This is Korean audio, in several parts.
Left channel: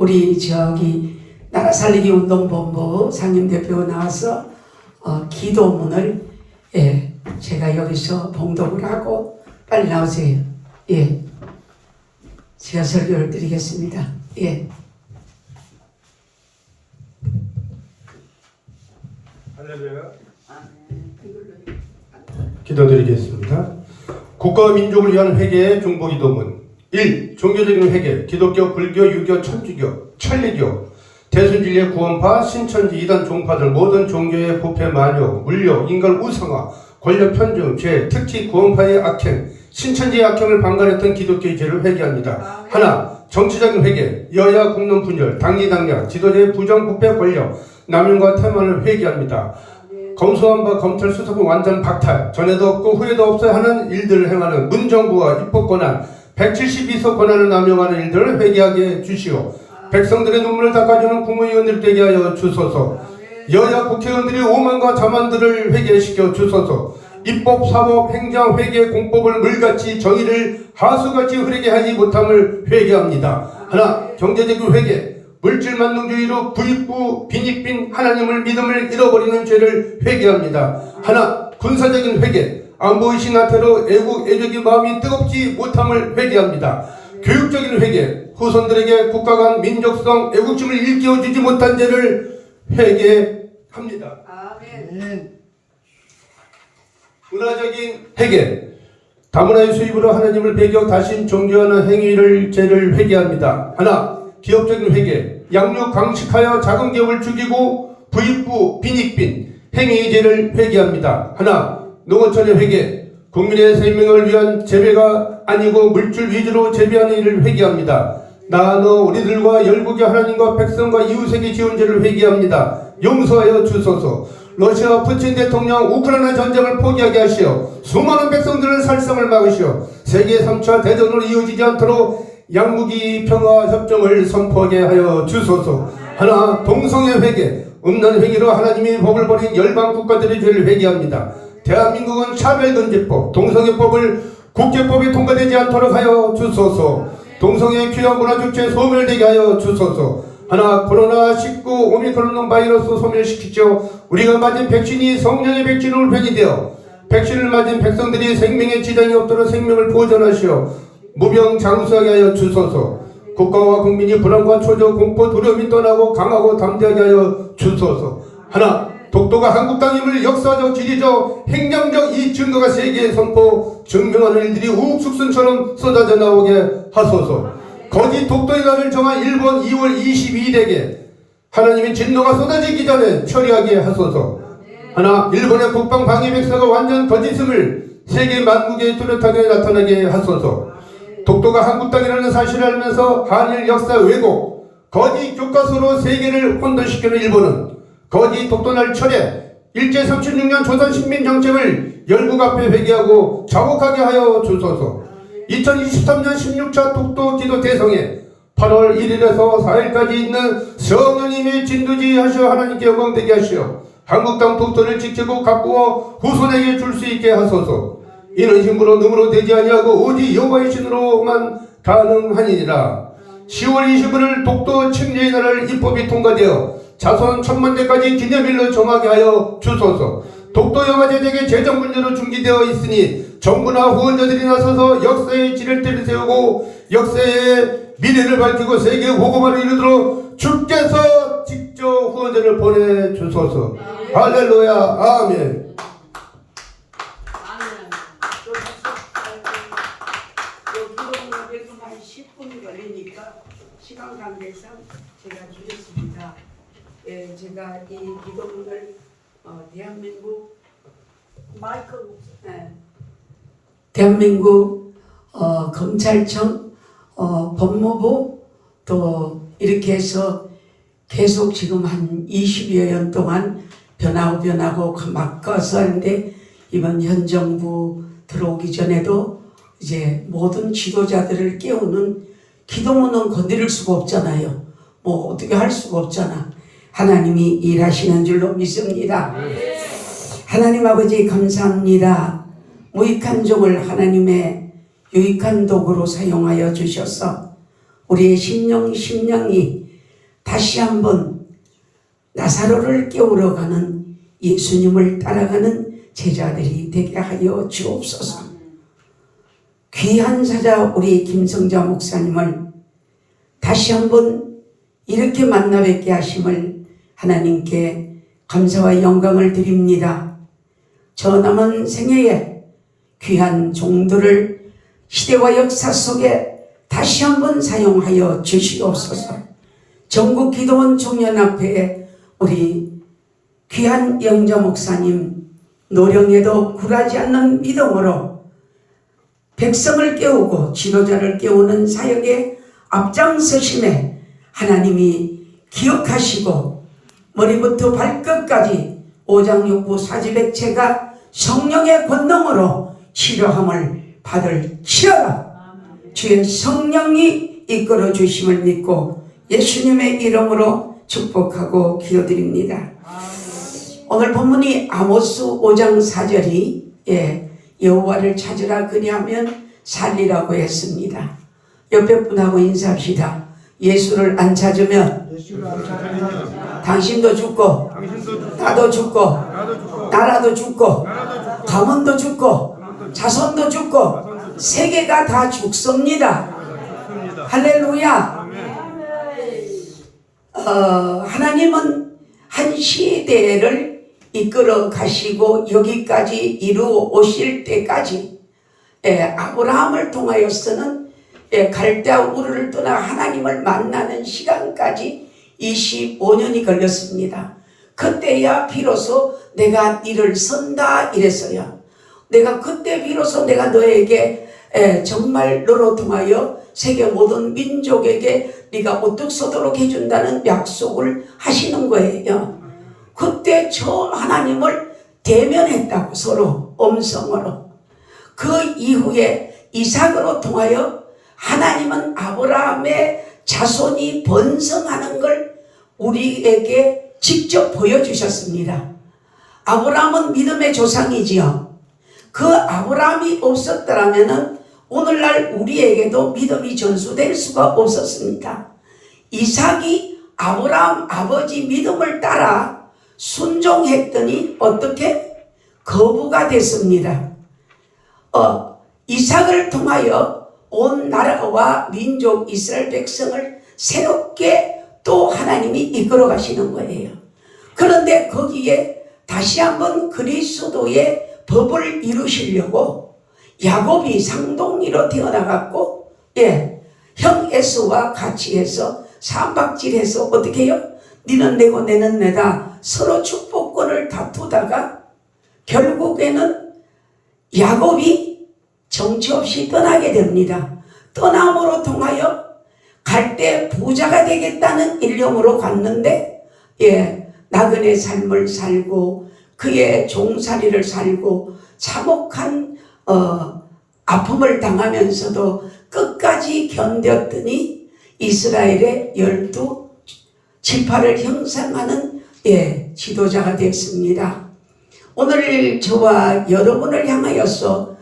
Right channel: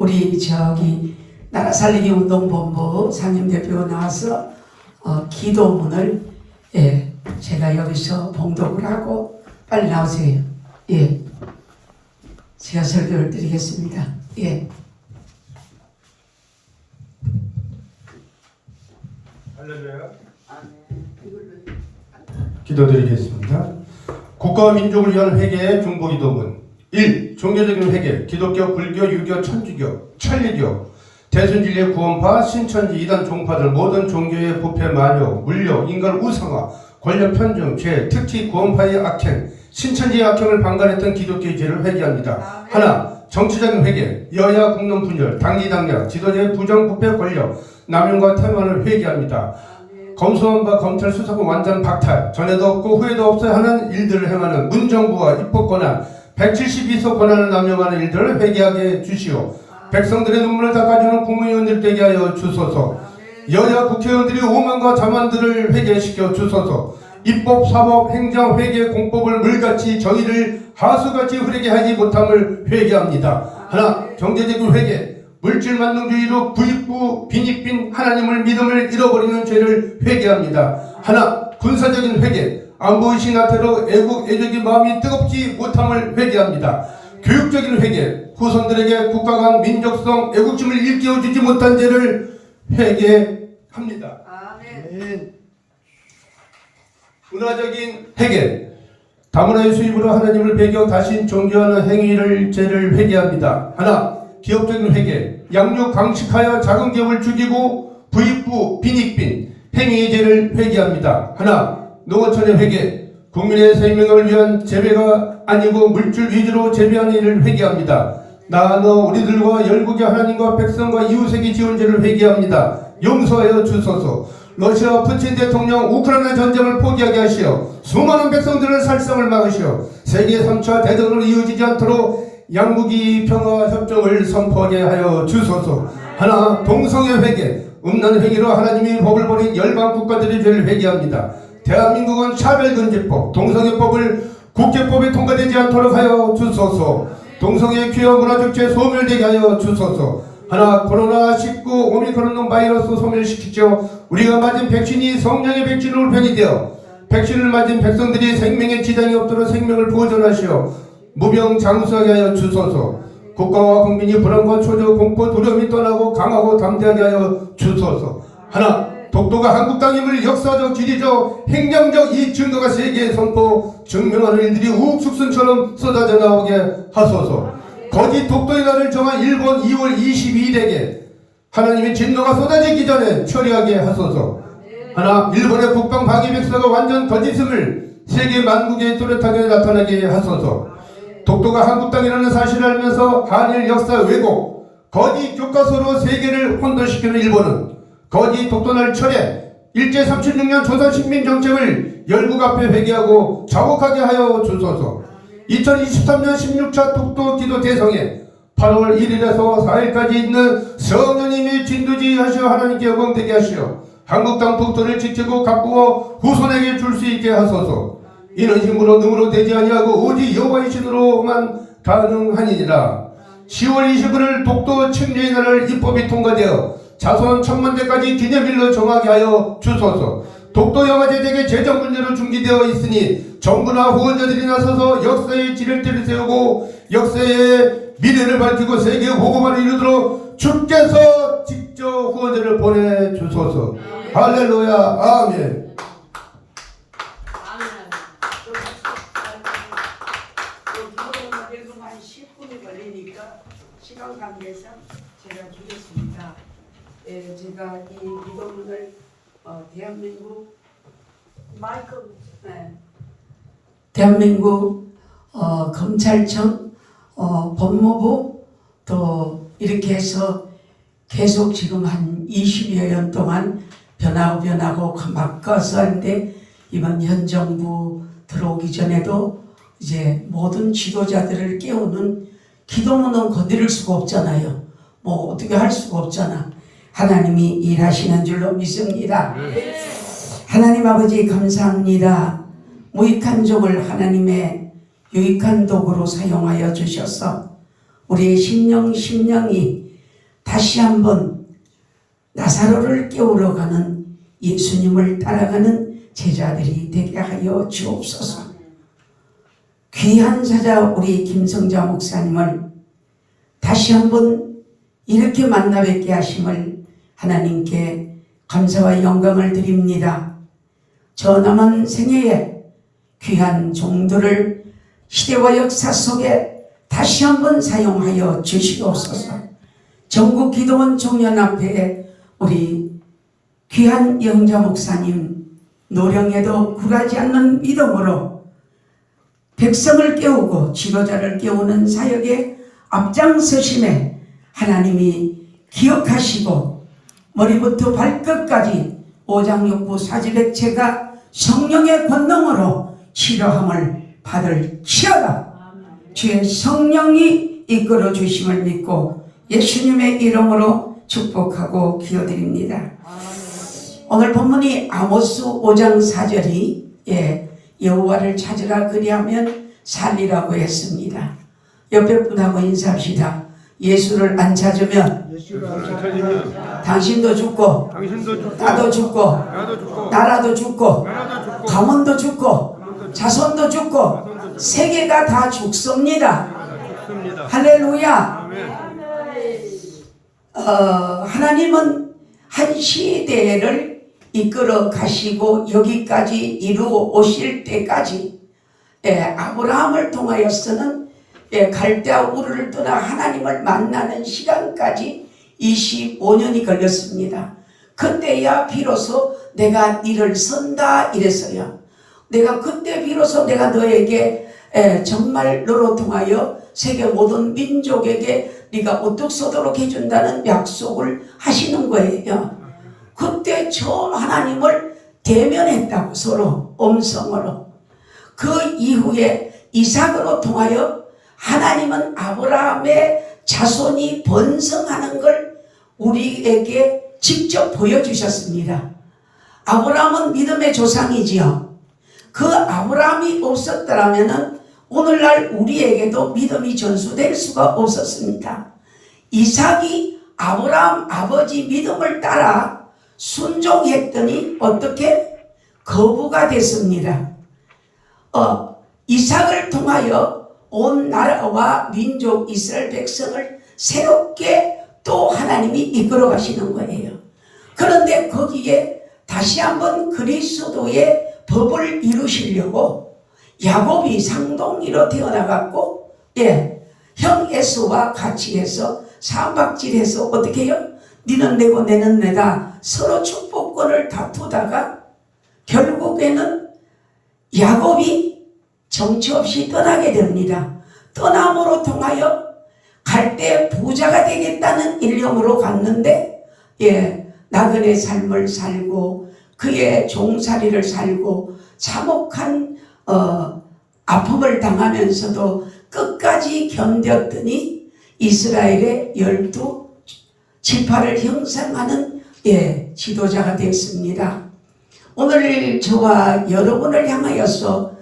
우리 나라 살리기 운동본부 상임대표 나와서 기도문을 제가 여기서 봉독을 하고 빨리 나오세요. 제가 설교를 드리겠습니다. 할렐루야. 기도드리겠습니다. 국가와 민족을 위한 회개의 중보기도문 1. 종교적인 회개 기독교, 불교, 유교, 천주교, 천리교, 대순진리의 구원파, 신천지, 이단 종파들 모든 종교의 부패, 만욕, 물욕, 인간 우상화, 권력 편중, 죄, 특히 구원파의 악행, 신천지의 악행을 방관했던 기독교의 죄를 회개합니다. 하나, 정치적인 회개, 여야 국론 분열, 당리당략, 지도자의 부정, 부패, 권력, 남용과 태만을 회개합니다. 검수한 바 검찰 수사권 완전 박탈, 전에도 없고 후에도 없어야 하는 일들을 행하는 문정부와 입법권한 172석 권한을 남용하는 일들을 회개하게 주시오. 백성들의 눈물을 닦아주는 국무위원들 되게 하여 주소서. 여야 국회의원들이 오만과 자만들을 회개시켜 주소서. 입법, 사법, 행정, 회계, 공법을 물같이 정의를 하수같이 흐르게 하지 못함을 회개합니다. 하나, 경제적인 회개, 물질 만능주의로 부익부, 빈익빈 하나님을 믿음을 잃어버리는 죄를 회개합니다. 하나, 군사적인 회개, 안보의식 나태로 애국, 애적인 마음이 뜨겁지 못함을 회개합니다. 교육적인 회개, 후손들에게 국가 간 민족성, 애국심을 일깨워주지 못한 죄를 회개합니다. 아멘. 문화적인 회개, 다문화의 수입으로 하나님을 배경 다신 종교하는 행위를 죄를 회개합니다. 하나, 기업적인 회개, 양육 강식하여 작은 기업을 죽이고 부익부, 빈익빈 행위의 죄를 회개합니다. 하나, 농어촌의 회개, 국민의 생명을 위한 재배가 아니고 물질 위주로 재배하는 일을 회개합니다. 나너 우리들과 열국의 하나님과 백성과 이웃에게 지은 죄를 회개합니다. 용서하여 주소서. 러시아 푸틴 대통령 우크라이나 전쟁을 포기하게 하시어 수많은 백성들의 살상을 막으시어 세계 3차 대전으로 이어지지 않도록 양국이 평화협정을 선포하게 하여 주소서. 하나, 동성애 회개, 음란 행위로 하나님의 법을 버린 열방 국가들의 죄를 회개합니다. 대한민국은 차별금지법, 동성애법을 국제법에 통과되지 않도록 하여 주소서. 동성애 귀화 문화축제 소멸되게 하여 주소서. 하나, 코로나19 오미크론 바이러스 소멸시키죠. 우리가 맞은 백신이 성령의 백신으로 변이되어 백신을 맞은 백성들이 생명에 지장이 없도록 생명을 보존하시어 무병장수하게 하여 주소서. 국가와 국민이 불안과 초조, 공포, 두려움이 떠나고 강하고 담대하게 하여 주소서. 하나, 독도가 한국 땅임을 역사적, 지리적, 행정적 이 증거가 세계에 선포 증명하는 일들이 우후죽순처럼 쏟아져 나오게 하소서. 거짓 독도의 날을 정한 일본 2월 22일에게 하나님의 진노가 쏟아지기 전에 처리하게 하소서. 하나, 일본의 국방 방위 백서가 완전 거짓임을 세계 만국에 뚜렷하게 나타나게 하소서. 독도가 한국 땅이라는 사실을 알면서 한일 역사 왜곡, 거짓 교과서로 세계를 혼돈시키는 일본은 거짓 독도날 철회, 일제 36년 조선식민 정책을 열국 앞에 회개하고 자복하게 하여 주소서. 2023년 16차 독도 기도 대성에 8월 1일에서 4일까지 있는 성령님의 진두지 하시어 하나님께 영광되게 하시어 한국 땅 독도를 지키고 가꾸어 후손에게 줄 수 있게 하소서. 이는 힘으로 능으로 되지 아니하고 오직 여호와의 신으로만 가능하니라. 10월 21일 독도 책례의 날을 입법이 통과되어 자손 천만대까지 기념일로 정하게 하여 주소서. 독도 영화 제작의 재정 문제로 중지되어 있으니 정부나 후원자들이 나서서 역사의 지렛대를 세우고 역사의 미래를 밝히고 세계 보고만을 이루도록 주께서 직접 후원자를 보내주소서. 할렐루야. 아멘. 한 10분이 걸리니까 시간 관계상 제가 주겠습니다. 제가 이 기도문을 대한민국 대한민국 검찰청, 법무부 또 이렇게 해서 계속 지금 한 20여 년 동안 변하고 막 가서 하는데 이번 현 정부 들어오기 전에도 이제 모든 지도자들을 깨우는 기도문은 건드릴 수가 없잖아요. 뭐 어떻게 할 수가 없잖아. 하나님이 일하시는 줄로 믿습니다. 하나님 아버지 감사합니다. 무익한 종을 하나님의 유익한 도구로 사용하여 주셔서 우리의 심령이 다시 한번 나사로를 깨우러 가는 예수님을 따라가는 제자들이 되게 하여 주옵소서. 귀한 사자 우리 김성자 목사님을 다시 한번 이렇게 만나 뵙게 하심을 하나님께 감사와 영광을 드립니다. 저 남은 생애에 귀한 종들을 시대와 역사 속에 다시 한번 사용하여 주시옵소서. 전국 기도원 총연합회에 우리 귀한 영자 목사님 노령에도 굴하지 않는 믿음으로 백성을 깨우고 지도자를 깨우는 사역에 앞장서심에 하나님이 기억하시고 머리부터 발끝까지 오장육부 사지백체가 성령의 권능으로 치료함을 받을지어다. 주의 성령이 이끌어 주심을 믿고 예수님의 이름으로 축복하고 기도드립니다. 오늘 본문이 아모스 5장 4절이 여호와를 찾으라 그리하면 살리라고 했습니다. 옆에 분하고 인사합시다. 예수를 안 찾으면 당신도 죽고 나도 죽고 나라도 죽고 가문도 죽고 자손도 죽고 세계가 다 죽습니다. 할렐루야. 하나님은 한 시대를 이끌어 가시고 여기까지 이루어 오실 때까지 아브라함을 통하여서는 갈대아 우르를 떠나 하나님을 만나는 시간까지 25년이 걸렸습니다. 그때야 비로소 내가 이를 선다 이랬어요. 내가 그때 비로소 내가 너에게 정말 너로 통하여 세계 모든 민족에게 네가 우뚝 서도록 해준다는 약속을 하시는 거예요. 그때 처음 하나님을 대면했다고 서로 음성으로. 그 이후에 이삭으로 통하여 하나님은 아브라함의 자손이 번성하는 걸 우리에게 직접 보여주셨습니다. 아브라함은 믿음의 조상이지요. 그 아브라함이 없었더라면 오늘날 우리에게도 믿음이 전수될 수가 없었습니다. 이삭이 아브라함 아버지 믿음을 따라 순종했더니 어떻게? 거부가 됐습니다. 이삭을 통하여 온 나라와 민족 이스라엘 백성을 새롭게 또 하나님이 이끌어 가시는 거예요. 그런데 거기에 다시 한번 그리스도의 법을 이루시려고 야곱이 상동이로 태어나갖고 형 에서와 같이 해서 삼박질해서 어떻게 해요? 니는 내고 내는 내다 서로 축복권을 다투다가 결국에는 야곱이 정처 없이 떠나게 됩니다. 떠남으로 통하여 갈 때 부자가 되겠다는 일념으로 갔는데 나그네 삶을 살고 그의 종살이를 살고 참혹한 아픔을 당하면서도 끝까지 견뎠더니 이스라엘의 12지파를 형성하는 지도자가 되었습니다. 오늘 저와 여러분을 향하여서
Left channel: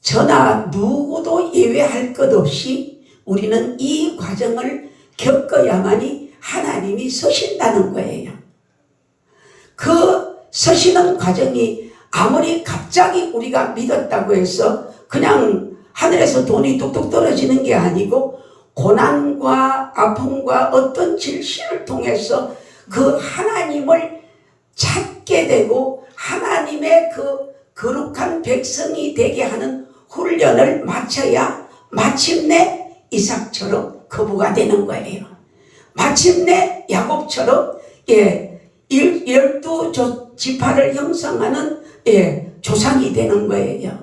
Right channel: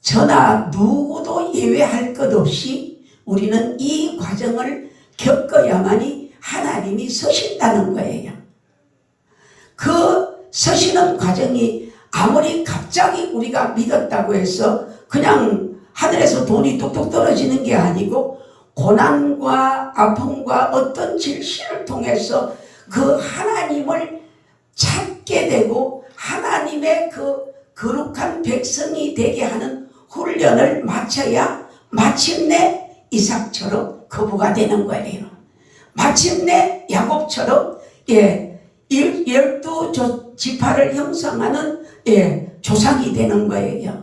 저나 누구도 예외할 것 없이 우리는 이 과정을 겪어야만이 하나님이 서신다는 거예요. 그 서시는 과정이 아무리 갑자기 우리가 믿었다고 해서 그냥 하늘에서 돈이 뚝뚝 떨어지는 게 아니고 고난과 아픔과 어떤 질시를 통해서 그 하나님을 찾게 되고 하나님의 그 거룩한 백성이 되게 하는 훈련을 마쳐야 마침내 이삭처럼 거부가 되는 거예요. 마침내 야곱처럼 12지파를 형성하는 조상이 되는 거예요.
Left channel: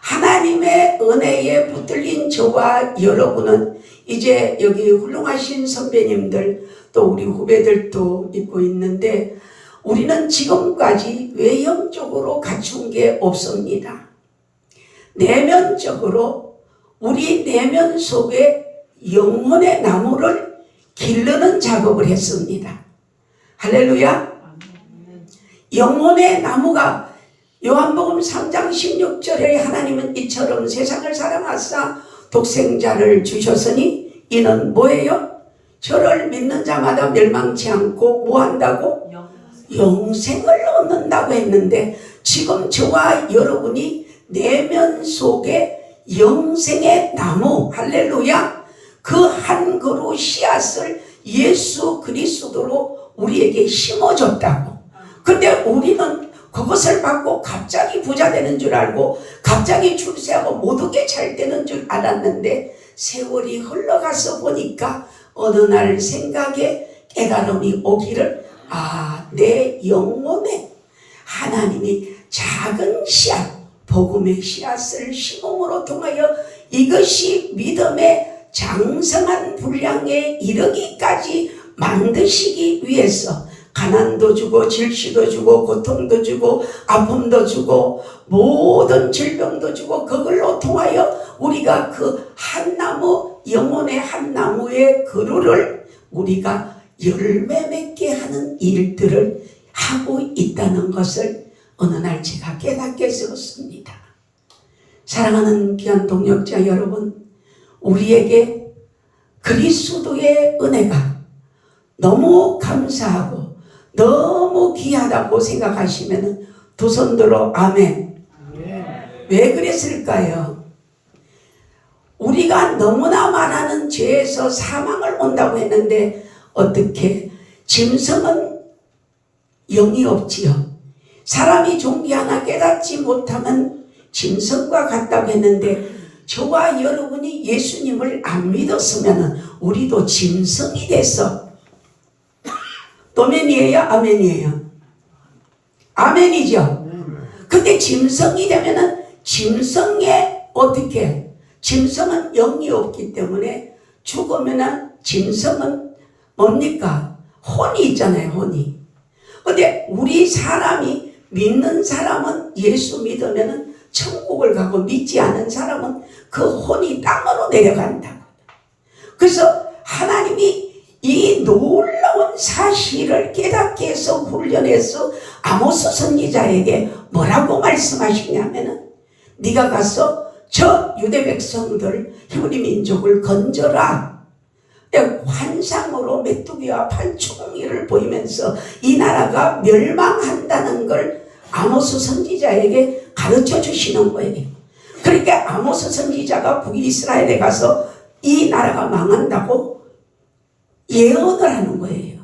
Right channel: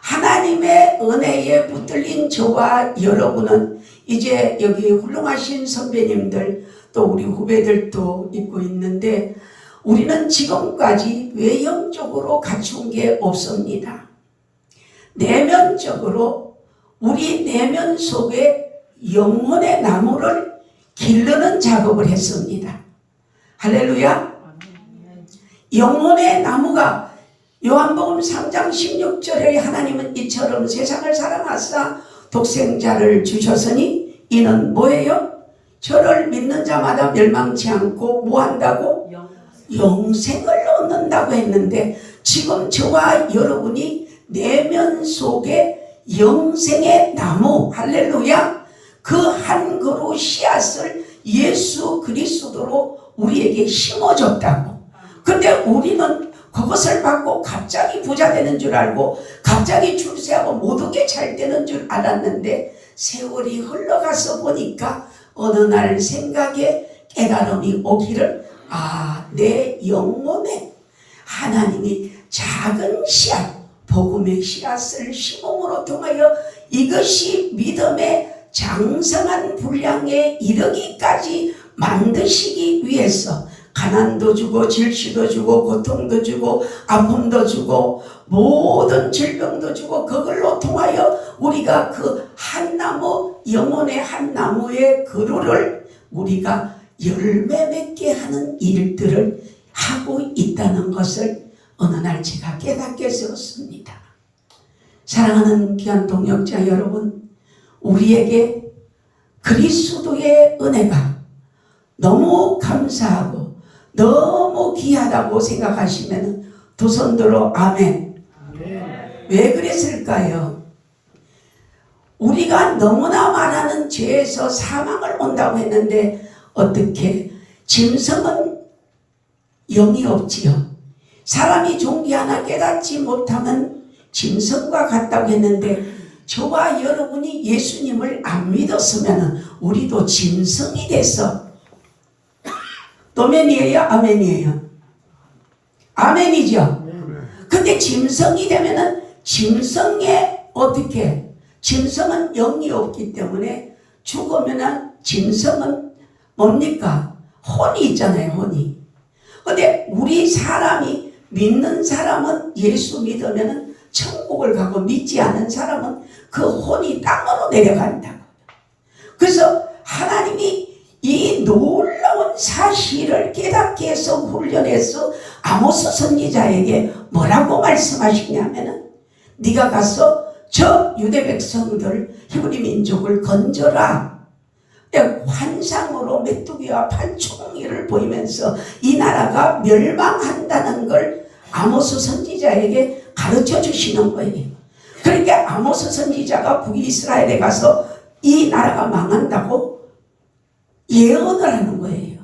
하나님의 은혜에 붙들린 저와 여러분은 이제 여기 훌륭하신 선배님들 또 우리 후배들도 있고 있는데 우리는 지금까지 외형적으로 갖춘 게 없습니다. 내면적으로 우리 내면 속에 영혼의 나무를 기르는 작업을 했습니다. 할렐루야. 영혼의 나무가 요한복음 3장 16절에 하나님은 이처럼 세상을 사랑하사 독생자를 주셨으니 이는 뭐예요? 저를 믿는 자마다 멸망치 않고 뭐 한다고? 영생을 얻는다고 했는데 지금 저와 여러분이 내면 속에 영생의 나무, 할렐루야, 그 한 그루 씨앗을 예수 그리스도로 우리에게 심어줬다고. 근데 우리는 그것을 받고 갑자기 부자 되는 줄 알고 갑자기 출세하고 모든 게 잘 되는 줄 알았는데 세월이 흘러가서 보니까 어느 날 생각에 깨달음이 오기를, 내 영혼에 하나님이 작은 씨앗, 복음의 씨앗을 심음으로 통하여 이것이 믿음의 장성한 분량에 이르기까지 만드시기 위해서 가난도 주고 질시도 주고 고통도 주고 아픔도 주고 모든 질병도 주고 그걸로 통하여 우리가 그 한 나무, 영혼의 한 나무의 그루를 우리가 열매 맺게 하는 일들을 하고 있다는 것을 어느 날 제가 깨닫게 되었습니다. 사랑하는 귀한 동역자 여러분, 우리에게 그리스도의 은혜가 너무 감사하고 너무 귀하다고 생각하시면 두 손 들어 아멘. 왜 그랬을까요? 우리가 너무나 많은 죄에서 사망을 온다고 했는데 어떻게? 짐승은 영이 없지요. 사람이 종기 하나 깨닫지 못하면 짐승과 같다고 했는데 저와 여러분이 예수님을 안 믿었으면 우리도 짐승이 돼서, 도면이에요? 아멘이에요? 아멘이죠? 근데 짐승이 되면은 짐승의 어떻게? 짐승은 영이 없기 때문에 죽으면은 짐승은 뭡니까? 혼이 있잖아요, 혼이. 근데 우리 사람이 믿는 사람은 예수 믿으면은 천국을 가고 믿지 않은 사람은 그 혼이 땅으로 내려간다. 그래서 하나님이 이 놀라운 사실을 깨닫게 해서 훈련해서 아모스 선지자에게 뭐라고 말씀하시냐면은 네가 가서 저 유대 백성들 히브리 민족을 건져라. 환상으로 메뚜기와 판총이를 보이면서 이 나라가 멸망한다는 걸 아모스 선지자에게 가르쳐 주시는 거예요. 그러니까 아모스 선지자가 북이스라엘에 가서 이 나라가 망한다고 예언을 하는 거예요.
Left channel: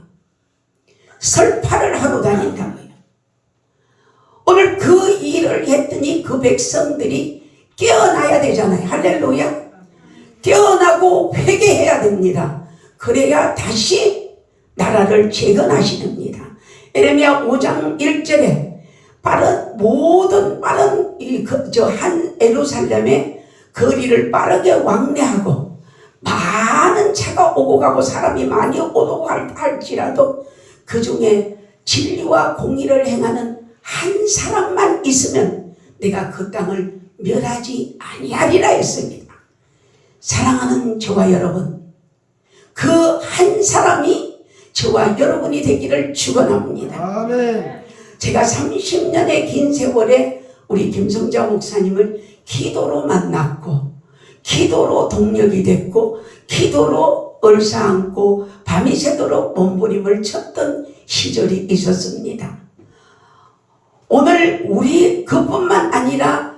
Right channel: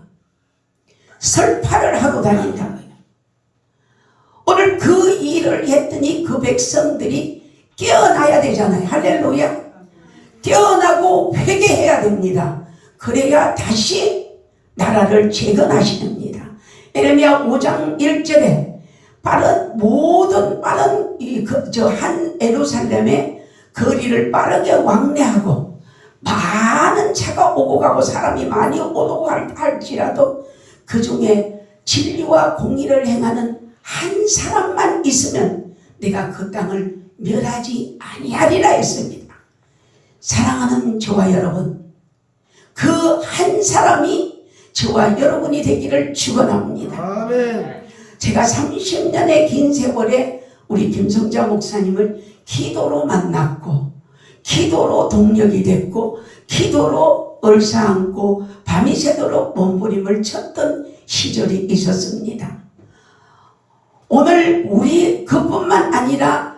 설파를 하고 다닌다고요. 오늘 그 일을 했더니 그 백성들이 깨어나야 되잖아요. 할렐루야. 깨어나고 회개해야 됩니다. 그래야 다시 나라를 재건하시렵니다. 에레미야 5장 1절에 모든 빠른 한 예루살렘의 거리를 빠르게 왕래하고 많은 차가 오고 가고 사람이 많이 오고 할지라도 그 중에 진리와 공의를 행하는 한 사람만 있으면 내가 그 땅을 멸하지 아니하리라 했습니다. 사랑하는 저와 여러분, 그 한 사람이 저와 여러분이 되기를 축원합니다. 아멘. 제가 30년의 긴 세월에 우리 김성자 목사님을 기도로 만났고 기도로 동력이 됐고 기도로 얼싸안고 밤이 새도록 몸부림을 쳤던 시절이 있었습니다. 오늘 우리 그뿐만 아니라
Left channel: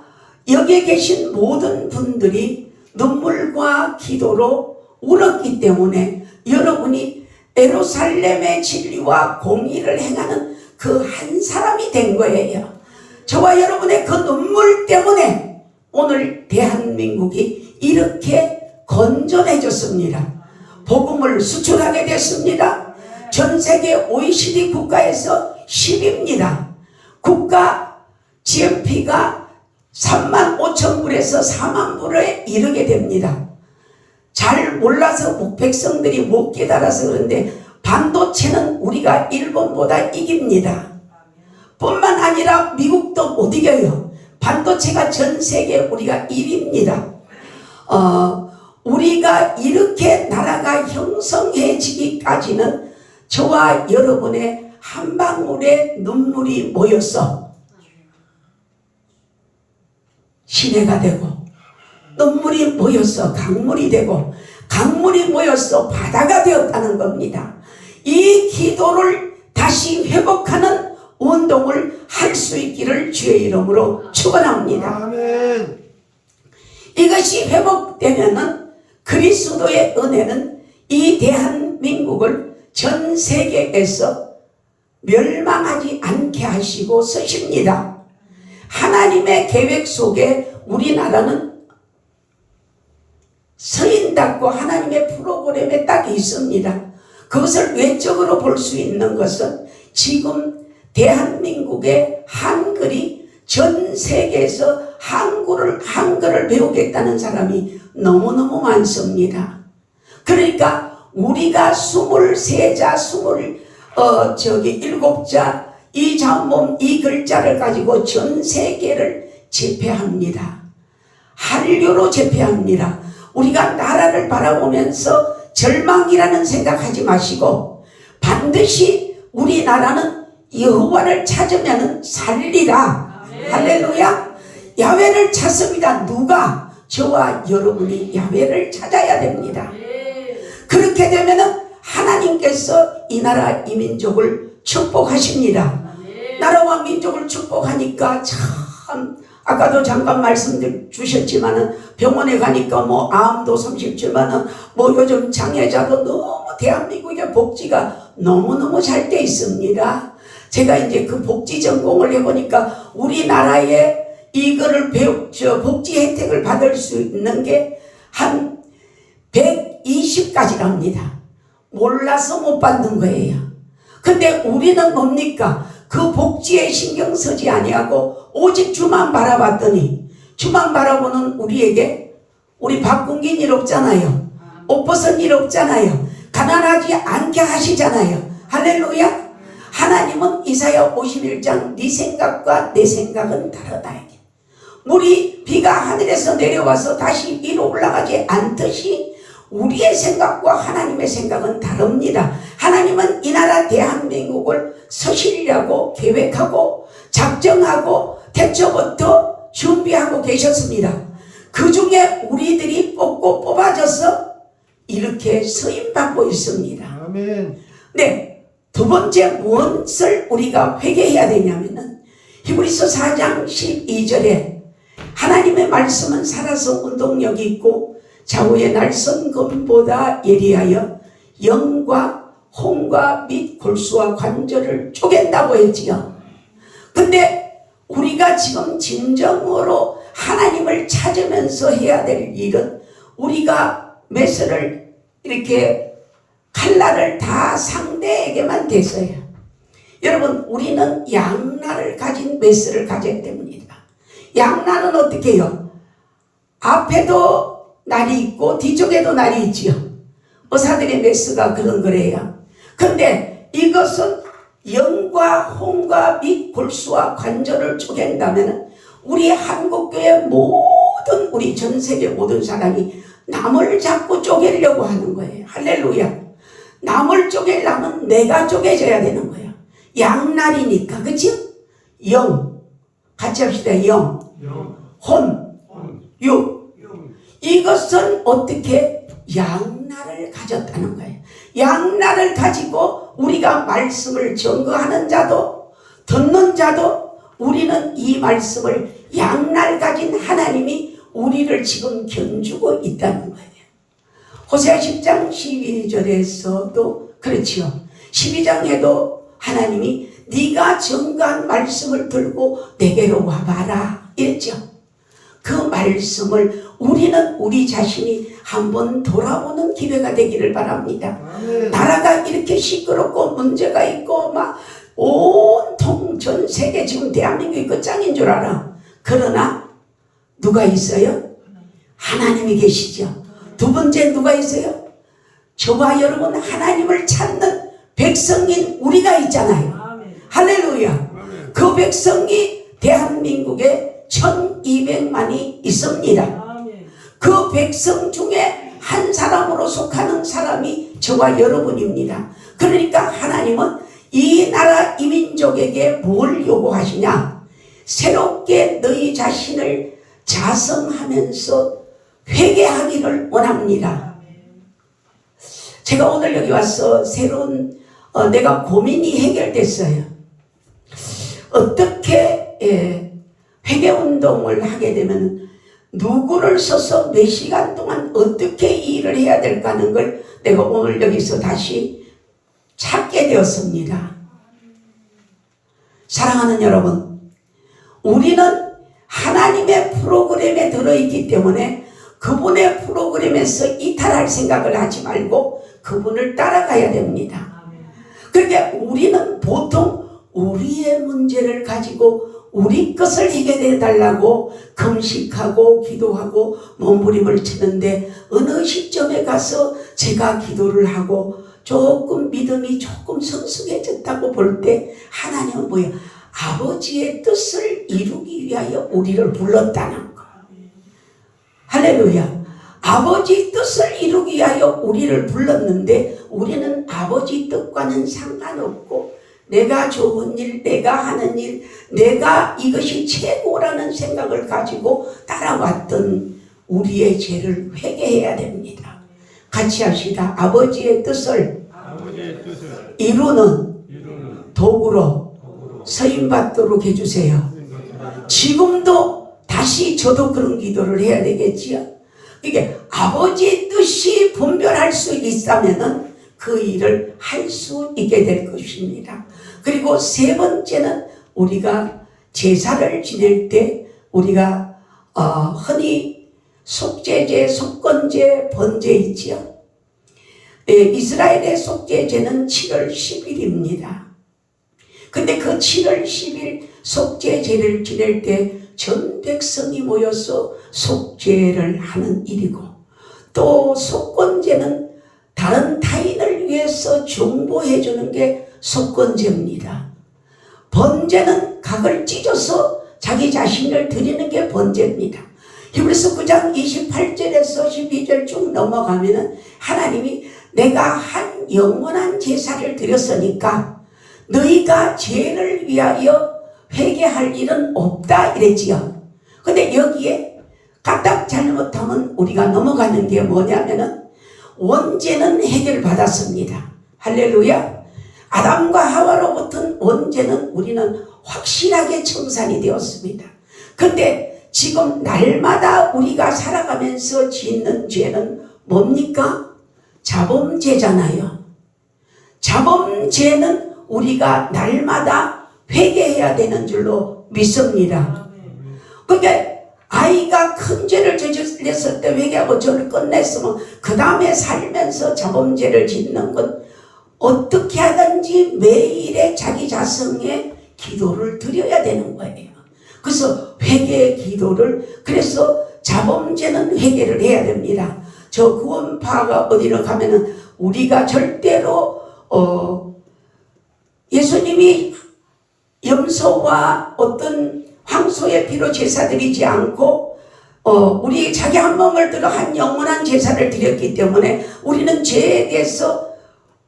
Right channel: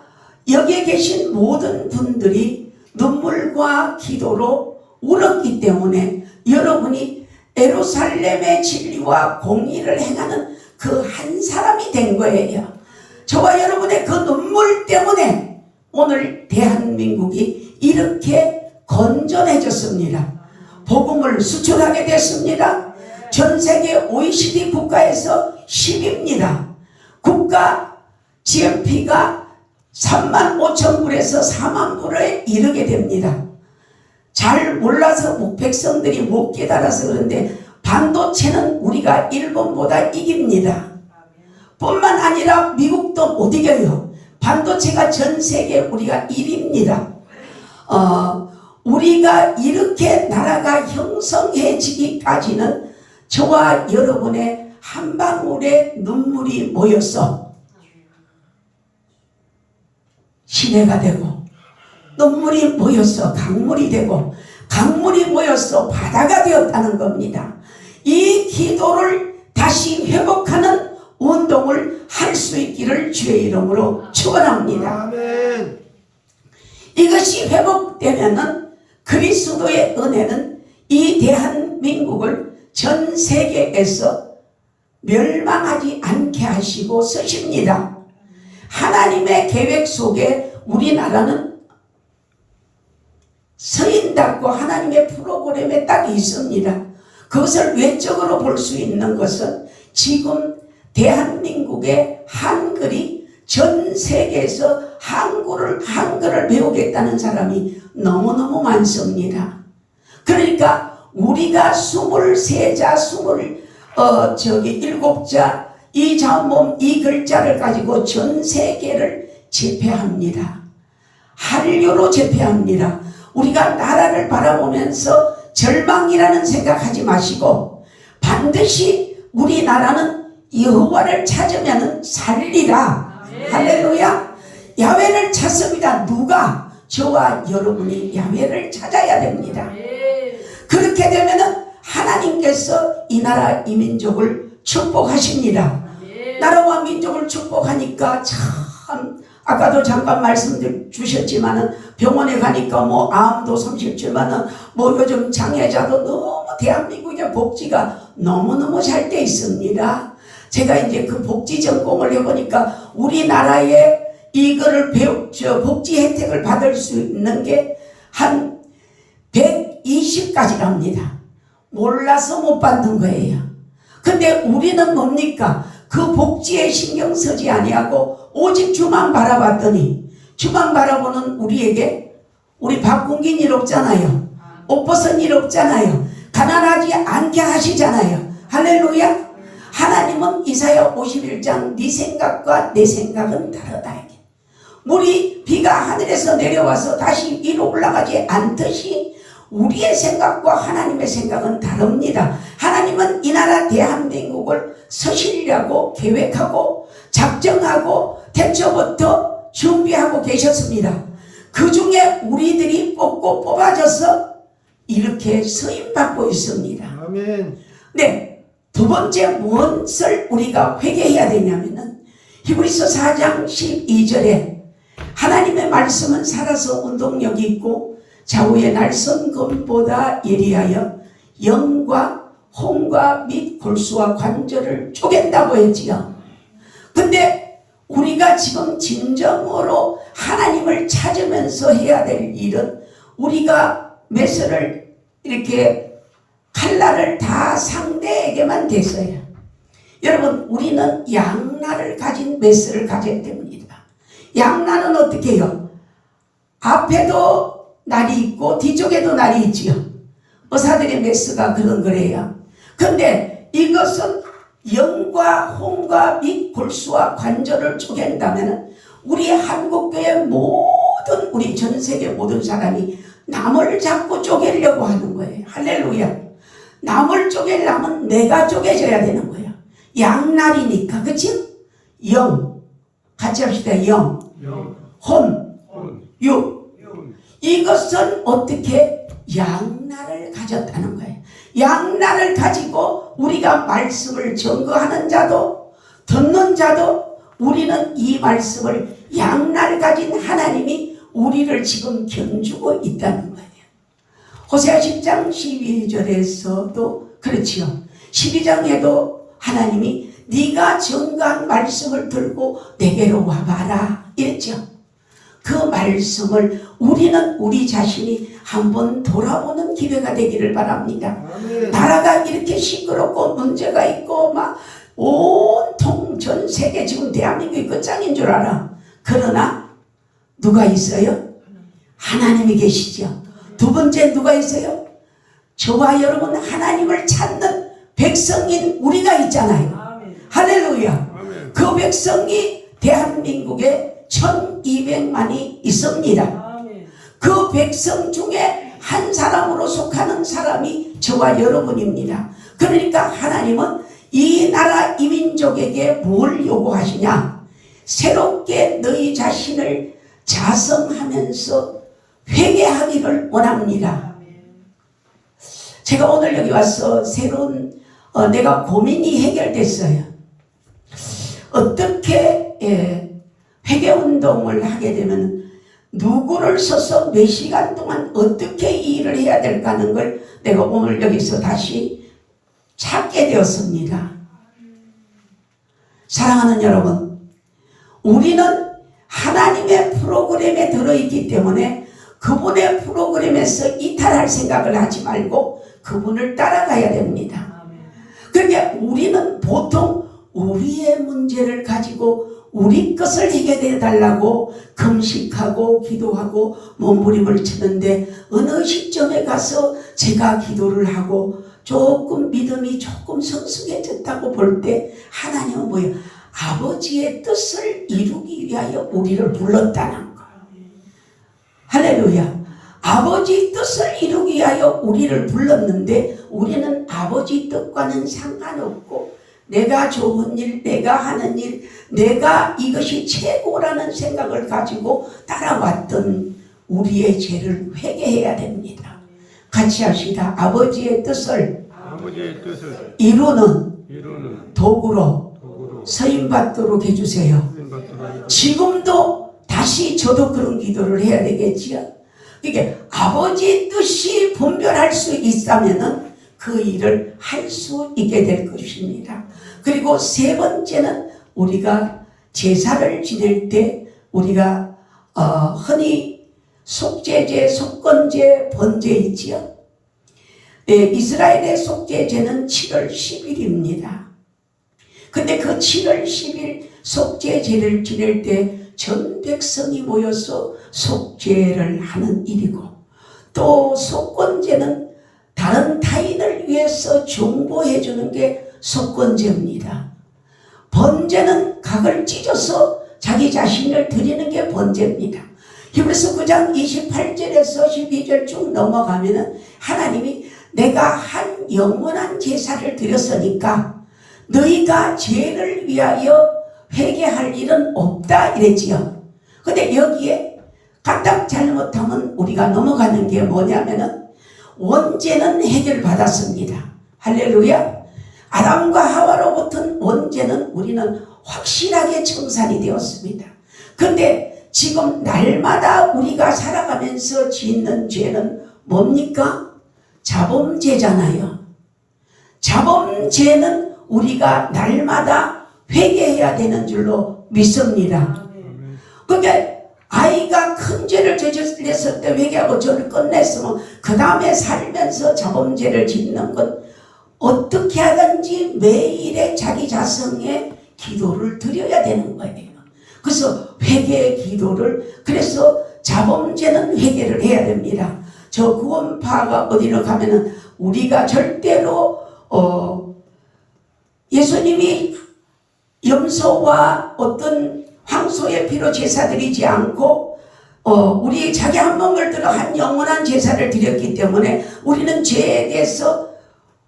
여기에 계신 모든 분들이 눈물과 기도로 울었기 때문에 여러분이 예루살렘의 진리와 공의를 행하는 그 한 사람이 된 거예요. 저와 여러분의 그 눈물 때문에 오늘 대한민국이 이렇게 건전해졌습니다. 복음을 수출하게 됐습니다. 전 세계 OECD 국가에서 10위입니다. 국가 GNP가 35,000불에서 40,000불에 이르게 됩니다. 잘 몰라서 백성들이 못 깨달아서 그런데 반도체는 우리가 일본보다 이깁니다. 뿐만 아니라 미국도 못 이겨요. 반도체가 전 세계 우리가 1위입니다. 우리가 이렇게 나라가 형성해지기까지는 저와 여러분의 한 방울의 눈물이 모여서 시내가 되고 눈물이 모여서 강물이 되고 강물이 모여서 바다가 되었다는 겁니다. 이 기도를 다시 회복하는 운동을 할 수 있기를 주의 이름으로 축원합니다. 아멘. 이것이 회복되면은 그리스도의 은혜는 이 대한민국을 전 세계에서 멸망하지 않게 하시고 쓰십니다. 하나님의 계획 속에 우리나라는 서인답고 하나님의 프로그램에 딱 있습니다. 그것을 외적으로 볼 수 있는 것은 지금 대한민국의 한글이 전 세계에서 한글을 배우겠다는 사람이 너무너무 많습니다. 그러니까 우리가 23자, 7자 이 잡몸 이 글자를 가지고 전 세계를 제패합니다. 한류로 제패합니다. 우리가 나라를 바라보면서 절망이라는 생각하지 마시고 반드시 우리나라는 여호와를 찾으면 살리라. 할렐루야. 야훼를 찾습니다. 누가? 저와 여러분이 야훼를 찾아야 됩니다. 그렇게 되면 하나님께서 이 나라 이 민족을 축복하십니다. 나라와 민족을 축복하니까 참 아까도 잠깐 말씀 주셨지만은 병원에 가니까 뭐 암도 37만원 뭐 요즘 장애자도 너무 대한민국의 복지가 너무너무 잘 돼 있습니다. 제가 이제 그 복지 전공을 해보니까 우리나라에 이거를 복지 혜택을 받을 수 있는 게 한 120가지랍니다. 몰라서 못 받는 거예요. 근데 우리는 뭡니까? 그 복지에 신경 쓰지 아니하고 오직 주만 바라봤더니 주만 바라보는 우리에게 우리 바꾼 일 없잖아요. 옷 벗은 일 없잖아요. 가난하지 않게 하시잖아요. 할렐루야. 하나님은 이사야 51장 네 생각과 내 생각은 다르다. 물이 비가 하늘에서 내려와서 다시 위로 올라가지 않듯이 우리의 생각과 하나님의 생각은 다릅니다. 하나님은 이 나라 대한민국을 서시려고 계획하고 작정하고 태초부터 준비하고 계셨습니다. 그 중에 우리들이 뽑아져서 이렇게 서임받고 있습니다. 아멘. 네, 두 번째 무엇을 우리가 회개해야 되냐면은 히브리서 4장 12절에 하나님의 말씀은 살아서 운동력이 있고 좌우의 날선 검보다 예리하여 영과 혼과 및 골수와 관절을 쪼갠다고 했지요. 근데 우리가 지금 진정으로 하나님을 찾으면서 해야 될 일은 우리가 메스를 이렇게 칼날을 다 상대에게만 댔어요. 여러분, 우리는 양날을 가진 메스를 가져야 됩니다. 양날은 어떻게 해요? 앞에도 날이 있고 뒤쪽에도 날이 있지요. 의사들의 메스가 그런 거래요. 근데 이것은 영과 혼과 및 골수와 관절을 쪼갠다면 우리 한국교회 모든 우리 전 세계 모든 사람이 남을 자꾸 쪼개려고 하는 거예요. 할렐루야. 남을 쪼개려면 내가 쪼개져야 되는 거야. 양날이니까. 그치? 영 같이 합시다. 영 혼 육. 이것은 어떻게 양날을 가졌다는 거예요. 양날을 가지고 우리가 말씀을 증거하는 자도 듣는 자도 우리는 이 말씀을 양날 가진 하나님이 우리를 지금 견주고 있다는 거예요. 호세아 10장 12절에서도 그렇지요. 12장에도 하나님이 네가 증거한 말씀을 들고 내게로 와봐라 이랬죠. 그 말씀을 우리는 우리 자신이 한번 돌아보는 기회가 되기를 바랍니다. 나라가 이렇게 시끄럽고 문제가 있고 막 온통 전 세계 지금 대한민국이 끝장인 줄 알아. 그러나 누가 있어요? 하나님이 계시죠. 두 번째 누가 있어요? 저와 여러분 하나님을 찾는 백성인 우리가 있잖아요. 할렐루야. 그 백성이 대한민국에 1200만이 있습니다. 그 백성 중에 한 사람으로 속하는 사람이 저와 여러분입니다. 그러니까 하나님은 이 나라 이 민족에게 뭘 요구하시냐? 새롭게 너희 자신을 자성하면서 회개하기를 원합니다. 제가 오늘 여기 와서 새로운 내가 고민이 해결됐어요. 어떻게 회개운동을 하게 되면 누구를 써서 몇 시간 동안 어떻게 일을 해야 될까 하는 걸 내가 오늘 여기서 다시 찾게 되었습니다. 사랑하는 여러분, 우리는 하나님의 프로그램에 들어있기 때문에 그분의 프로그램에서 이탈할 생각을 하지 말고 그분을 따라가야 됩니다. 그러니까 우리는 보통 우리의 문제를 가지고 우리 것을 해결해 달라고 금식하고 기도하고 몸부림을 치는데 어느 시점에 가서 제가 기도를 하고 조금 믿음이 조금 성숙해졌다고 볼 때 하나님은 뭐예요? 아버지의 뜻을 이루기 위하여 우리를 불렀다는 거예요. 할렐루야. 아버지 뜻을 이루기 위하여 우리를 불렀는데 우리는 아버지 뜻과는 상관없고 내가 좋은 일, 내가 하는 일, 내가 이것이 최고라는 생각을 가지고 따라왔던 우리의 죄를 회개해야 됩니다. 같이 합시다. 아버지의 뜻을 이루는 도구로 서임받도록 해주세요. 지금도 다시 저도 그런 기도를 해야 되겠지요. 이게 아버지의 뜻이 분별할 수 있다면은 그 일을 할 수 있게 될 것입니다. 그리고 세 번째는 우리가 제사를 지낼 때 우리가 흔히 속죄제, 속건제, 번제 있지요. 이스라엘의 속죄제는 7월 10일입니다. 근데 그 7월 10일 속죄제를 지낼 때 전 백성이 모여서 속죄를 하는 일이고 또 속건제는 다른 타인을 위해서 중보해 주는 게 속건제입니다. 번제는 각을 찢어서 자기 자신을 드리는 게 번제입니다. 히브리서 9장 28절에서 12절 쭉 넘어가면은 하나님이 내가 한 영원한 제사를 드렸으니까 너희가 죄를 위하여 회개할 일은 없다 이랬지요. 근데 여기에 까딱 잘못하면 우리가 넘어가는 게 뭐냐면은 원죄는 해결받았습니다. 할렐루야. 아담과 하와로부터 원죄는 우리는 확실하게 청산이 되었습니다. 근데 지금 날마다 우리가 살아가면서 짓는 죄는 뭡니까? 자범죄잖아요. 자범죄는 우리가 날마다 회개해야 되는 줄로 믿습니다. 그러니까 아이가 큰 죄를 저질렀을 때 회개하고 죄를 끝냈으면 그 다음에 살면서 자범죄를 짓는 건 어떻게 하든지 매일의 자기 자성의 기도를 드려야 되는 거예요. 그래서 회개의 기도를, 그래서 자범죄는 회개를 해야 됩니다. 저 구원파가 어디로 가면은 우리가 절대로 예수님이 염소와 어떤 황소의 피로 제사 드리지 않고 우리 자기 한 몸을 들어 한 영원한 제사를 드렸기 때문에 우리는 죄에 대해서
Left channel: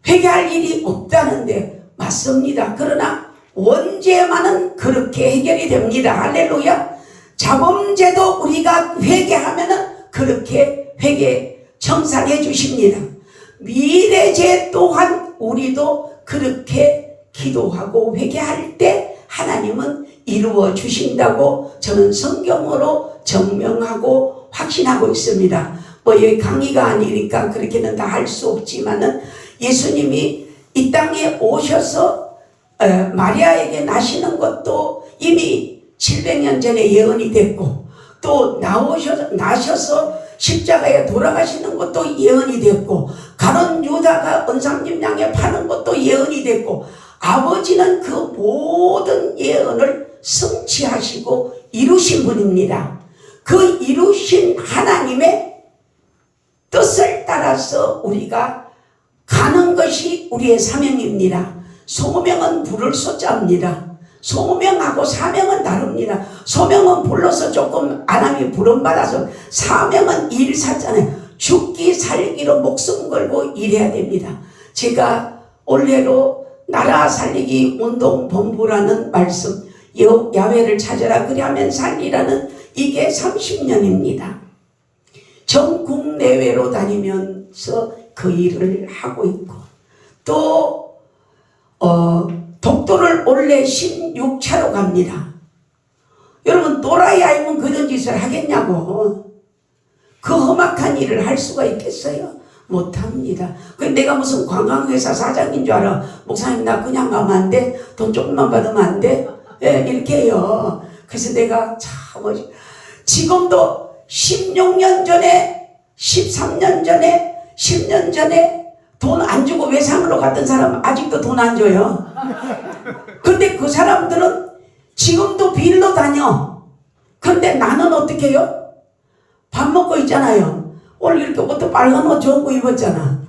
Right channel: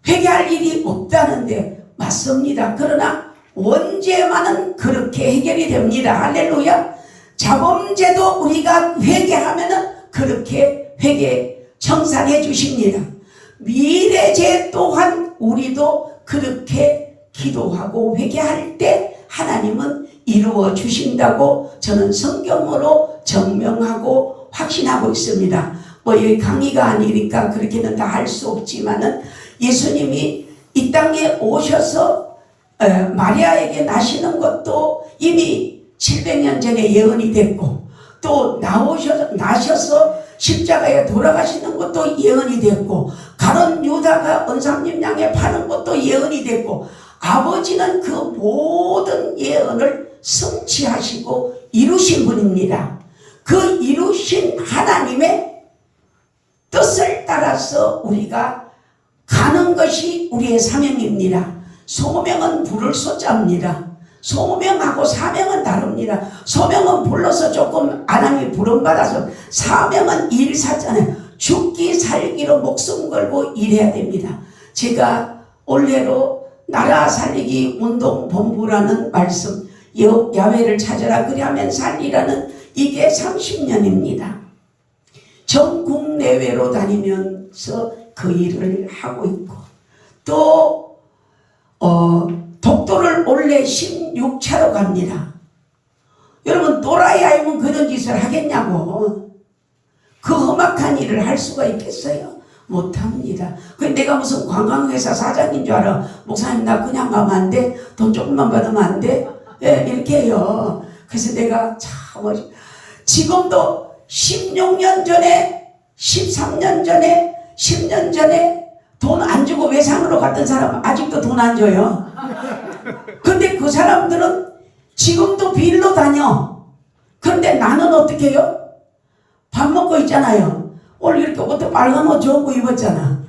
회개할 일이 없다는데 맞습니다. 그러나 원죄만은 그렇게 해결이 됩니다. 할렐루야. 자범죄도 우리가 회개하면은 그렇게 회개 청산해 주십니다. 미래죄 또한 우리도 그렇게 기도하고 회개할 때 하나님은 이루어 주신다고 저는 성경으로 증명하고 확신하고 있습니다. 뭐 여기 강의가 아니니까 그렇게는 다 할 수 없지만은 예수님이 이 땅에 오셔서 마리아에게 나시는 것도 이미 700년 전에 예언이 됐고 또 나셔서 십자가에 돌아가시는 것도 예언이 됐고 가룟 유다가 언상님 양에 파는 것도 예언이 됐고 아버지는 그 모든 예언을 성취하시고 이루신 분입니다. 그 이루신 하나님의 뜻을 따라서 우리가 가는 것이 우리의 사명입니다. 소명은 부를 소자입니다. 소명하고 사명은 다릅니다. 소명은 불러서 조금 아람이 부름받아서 사명은 일사잖아요. 죽기 살기로 목숨 걸고 일해야 됩니다. 제가 올해로 나라 살리기 운동본부라는 말씀, 야훼를 찾아라 그리하면 살리라는 이게 30년입니다. 전국 내외로 다니면서 그 일을 하고 있고 또 독도를 올해 16차로 갑니다. 여러분 또라이 아니면 그런 짓을 하겠냐고. 그 험악한 일을 할 수가 있겠어요? 못합니다. 내가 무슨 관광회사 사장인 줄 알아. 목사님 나 그냥 가면 안 돼? 돈 조금만 받으면 안 돼? 예, 이렇게 해요. 그래서 내가 참 지금도 16년 전에 13년 전에 10년 전에 돈 안 주고 외상으로 갔던 사람 아직도 돈 안 줘요. 근데 그 사람들은 지금도 빌로 다녀. 그런데 나는 어떻게 해요? 밥 먹고 있잖아요. 오늘 이렇게 옷도 빨간 옷 좋은 거 입었잖아.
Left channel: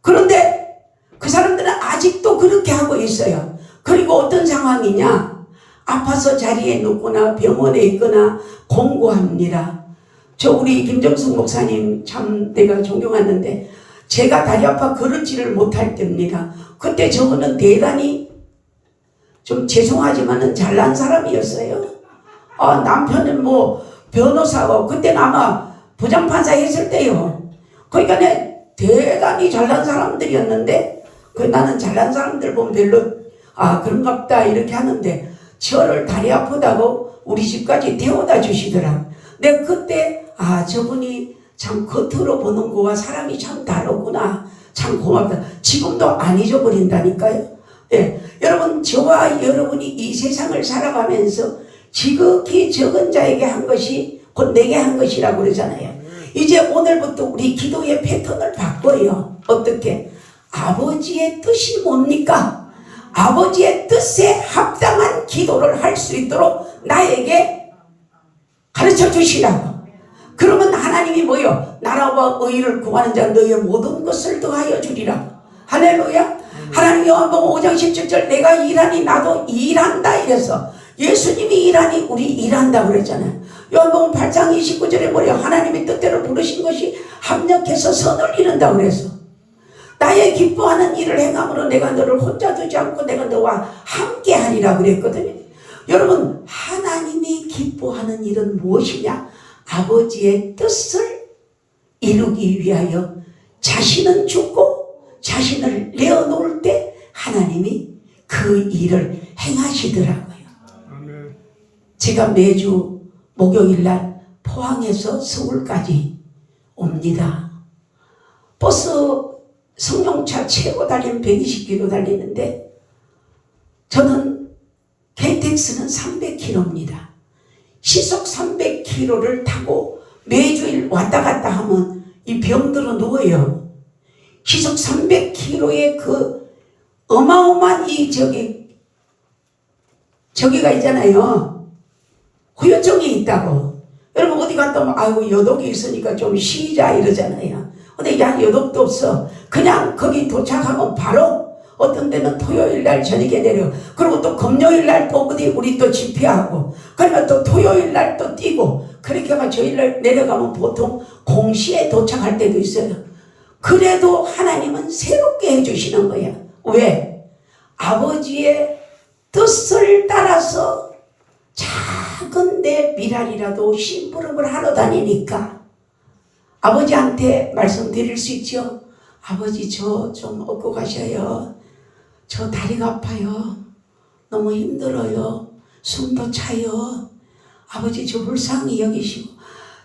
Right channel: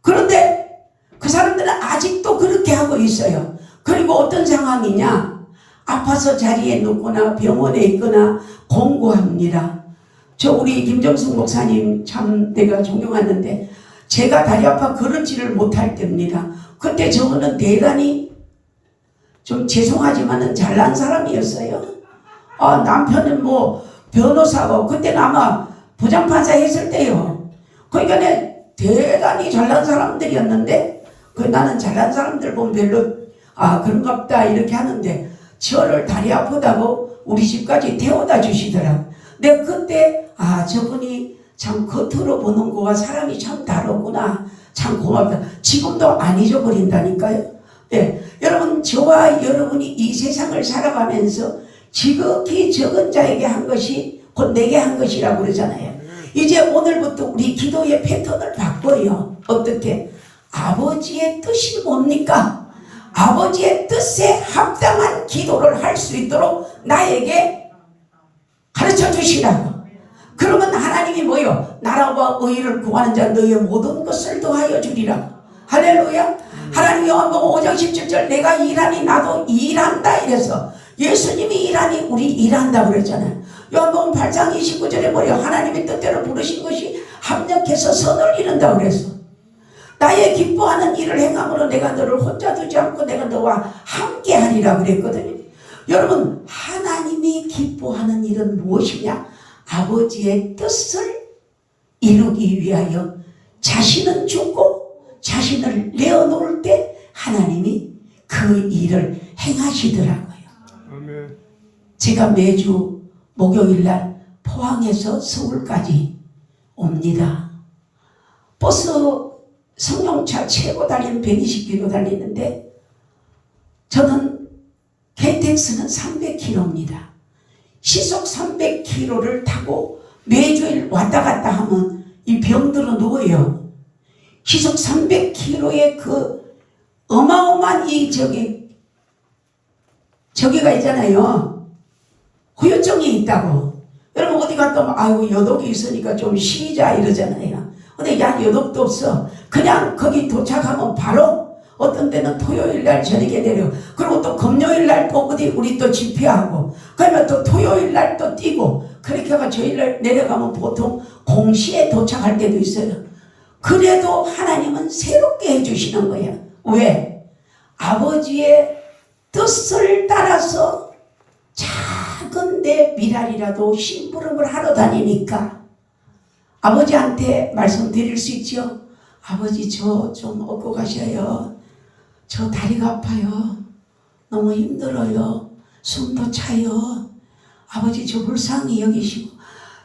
그런데 그 사람들은 아직도 그렇게 하고 있어요. 그리고 어떤 상황이냐? 아파서 자리에 눕거나 병원에 있거나 공고합니다. 저 우리 김정숙 목사님 참 내가 존경하는데 제가 다리 아파 걸을지를 못할 때입니다. 그때 저거는 대단히 좀 죄송하지만은 잘난 사람이었어요. 남편은 뭐 변호사고 그때는 아마 부장판사 했을 때요. 그러니까 대단히 잘난 사람들이었는데 나는 잘난 사람들 보면 별로 그런갑다 이렇게 하는데 저를 다리 아프다고 우리 집까지 태워다 주시더라고. 내가 그때 저분이 참 겉으로 보는 거와 사람이 참 다르구나. 참 고맙다. 지금도 안 잊어버린다니까요. 네. 여러분 저와 여러분이 이 세상을 살아가면서 지극히 적은 자에게 한 것이 곧 내게 한 것이라고 그러잖아요. 이제 오늘부터 우리 기도의 패턴을 바꿔요. 어떻게? 아버지의 뜻이 뭡니까? 아버지의 뜻에 합당한 기도를 할 수 있도록 나에게 가르쳐 주시라고. 그러면 하나님이 뭐요? 나라와 의를 구하는 자 너희의 모든 것을 더하여 주리라. 할렐루야. 하나님 요한복음 5장 17절 내가 일하니 나도 일한다 이래서 예수님이 일하니 우리 일한다 그랬잖아요. 요한복음 8장 29절에 뭐래요? 하나님의 뜻대로 부르신 것이 합력해서 선을 이룬다 그래서 나의 기뻐하는 일을 행함으로 내가 너를 혼자 두지 않고 내가 너와 함께 하리라 그랬거든요. 여러분 하나님이 기뻐하는 일은 무엇이냐? 아버지의 뜻을 이루기 위하여 자신은 죽고 자신을 내어놓을 때 하나님이 그 일을 행하시더라고요. 아멘. 제가 매주 목요일날 포항에서 서울까지 옵니다. 버스 승용차 최고 달리는 120km 달리는데 저는 KTX는 300km입니다. 시속 300km를 타고 매주일 왔다 갔다 하면 이 병들어 누워요. 시속 300km의 그 어마어마한 이 저기가 있잖아요. 후유증이 있다고. 여러분 어디 갔다 오면 아이고 여독이 있으니까 좀 쉬자 이러잖아요. 근데 약 여독도 없어. 그냥 거기 도착하면 바로 어떤 데는 토요일날 저녁에 내려. 그리고 또 금요일날 또 어디 우리 또 집회하고 그러면 또 토요일날 또 뛰고 그렇게 해가 저일날 내려가면 보통 공시에 도착할 때도 있어요. 그래도 하나님은 새롭게 해주시는 거예요. 왜? 아버지의 뜻을 따라서 작은 내 미랄이라도 심부름을 하러 다니니까 아버지한테 말씀드릴 수 있죠. 아버지 저 좀 얻고 가셔요. 저 다리가 아파요. 너무 힘들어요. 숨도 차요. 아버지 저 불쌍히 여기시고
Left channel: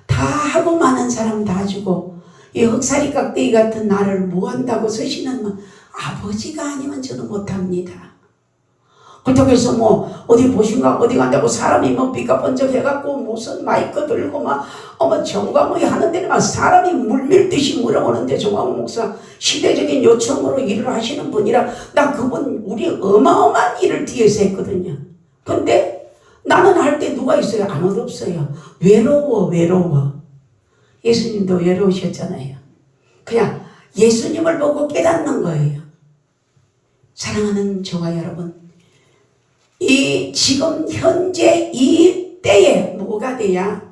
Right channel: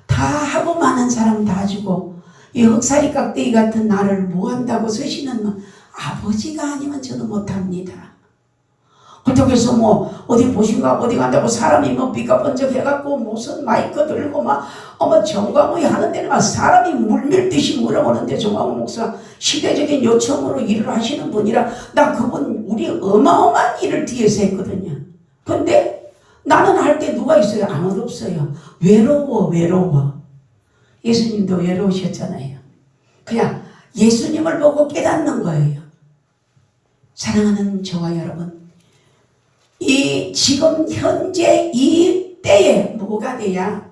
다 하고 많은 사람 다 주고 이 흑사리 깍대기 같은 나를 뭐 한다고 쓰시는 분 아버지가 아니면 저는 못합니다. 그렇다고 해서 뭐 어디 보신가 어디 간다고 사람이 뭐 삐까번쩍 해갖고 무슨 마이크 들고 막 정광이 하는 데는 막 사람이 물밀듯이 물어보는데 정광 목사 시대적인 요청으로 일을 하시는 분이라 나 그분 우리 어마어마한 일을 뒤에서 했거든요. 근데 나는 할 때 누가 있어요? 아무도 없어요. 외로워. 예수님도 외로우셨잖아요. 그냥 예수님을 보고 깨닫는 거예요. 사랑하는 저와 여러분, 이 지금 현재 이 때에 뭐가 돼야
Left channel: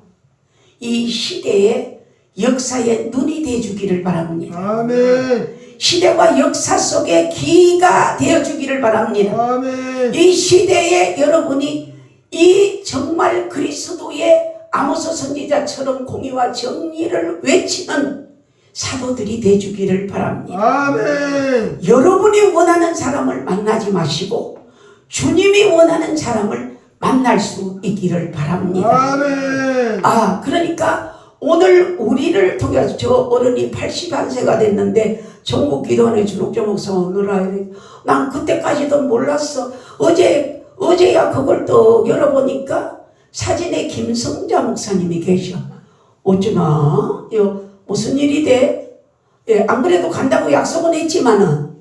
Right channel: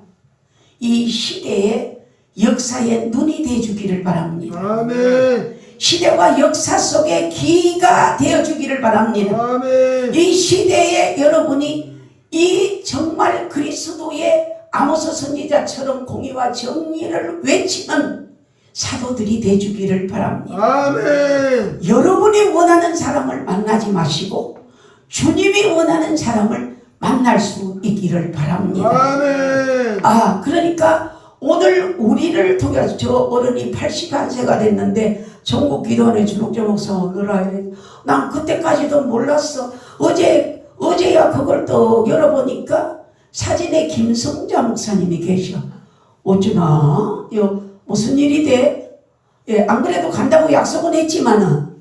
이 시대의 역사에 눈이 되어주기를 바랍니다. 아멘. 시대와 역사 속에 귀가 되어주기를 바랍니다. 아멘. 이 시대에 여러분이 이 정말 그리스도의 아모스 선지자처럼 공의와 정의를 외치는 사도들이 되주기를 바랍니다. 아멘. 여러분이 원하는 사람을 만나지 마시고 주님이 원하는 사람을 만날 수 있기를 바랍니다. 아멘. 그러니까 오늘 우리를 통해서 저 어른이 81세가 됐는데 전국기도원의 주룩조 목사 오느라 난 그때까지도 몰랐어. 어제야 그걸 또 열어보니까 사진에 김성자 목사님이 계셔. 어쩌나 무슨 일이 돼? 안 그래도 간다고 약속은 했지만은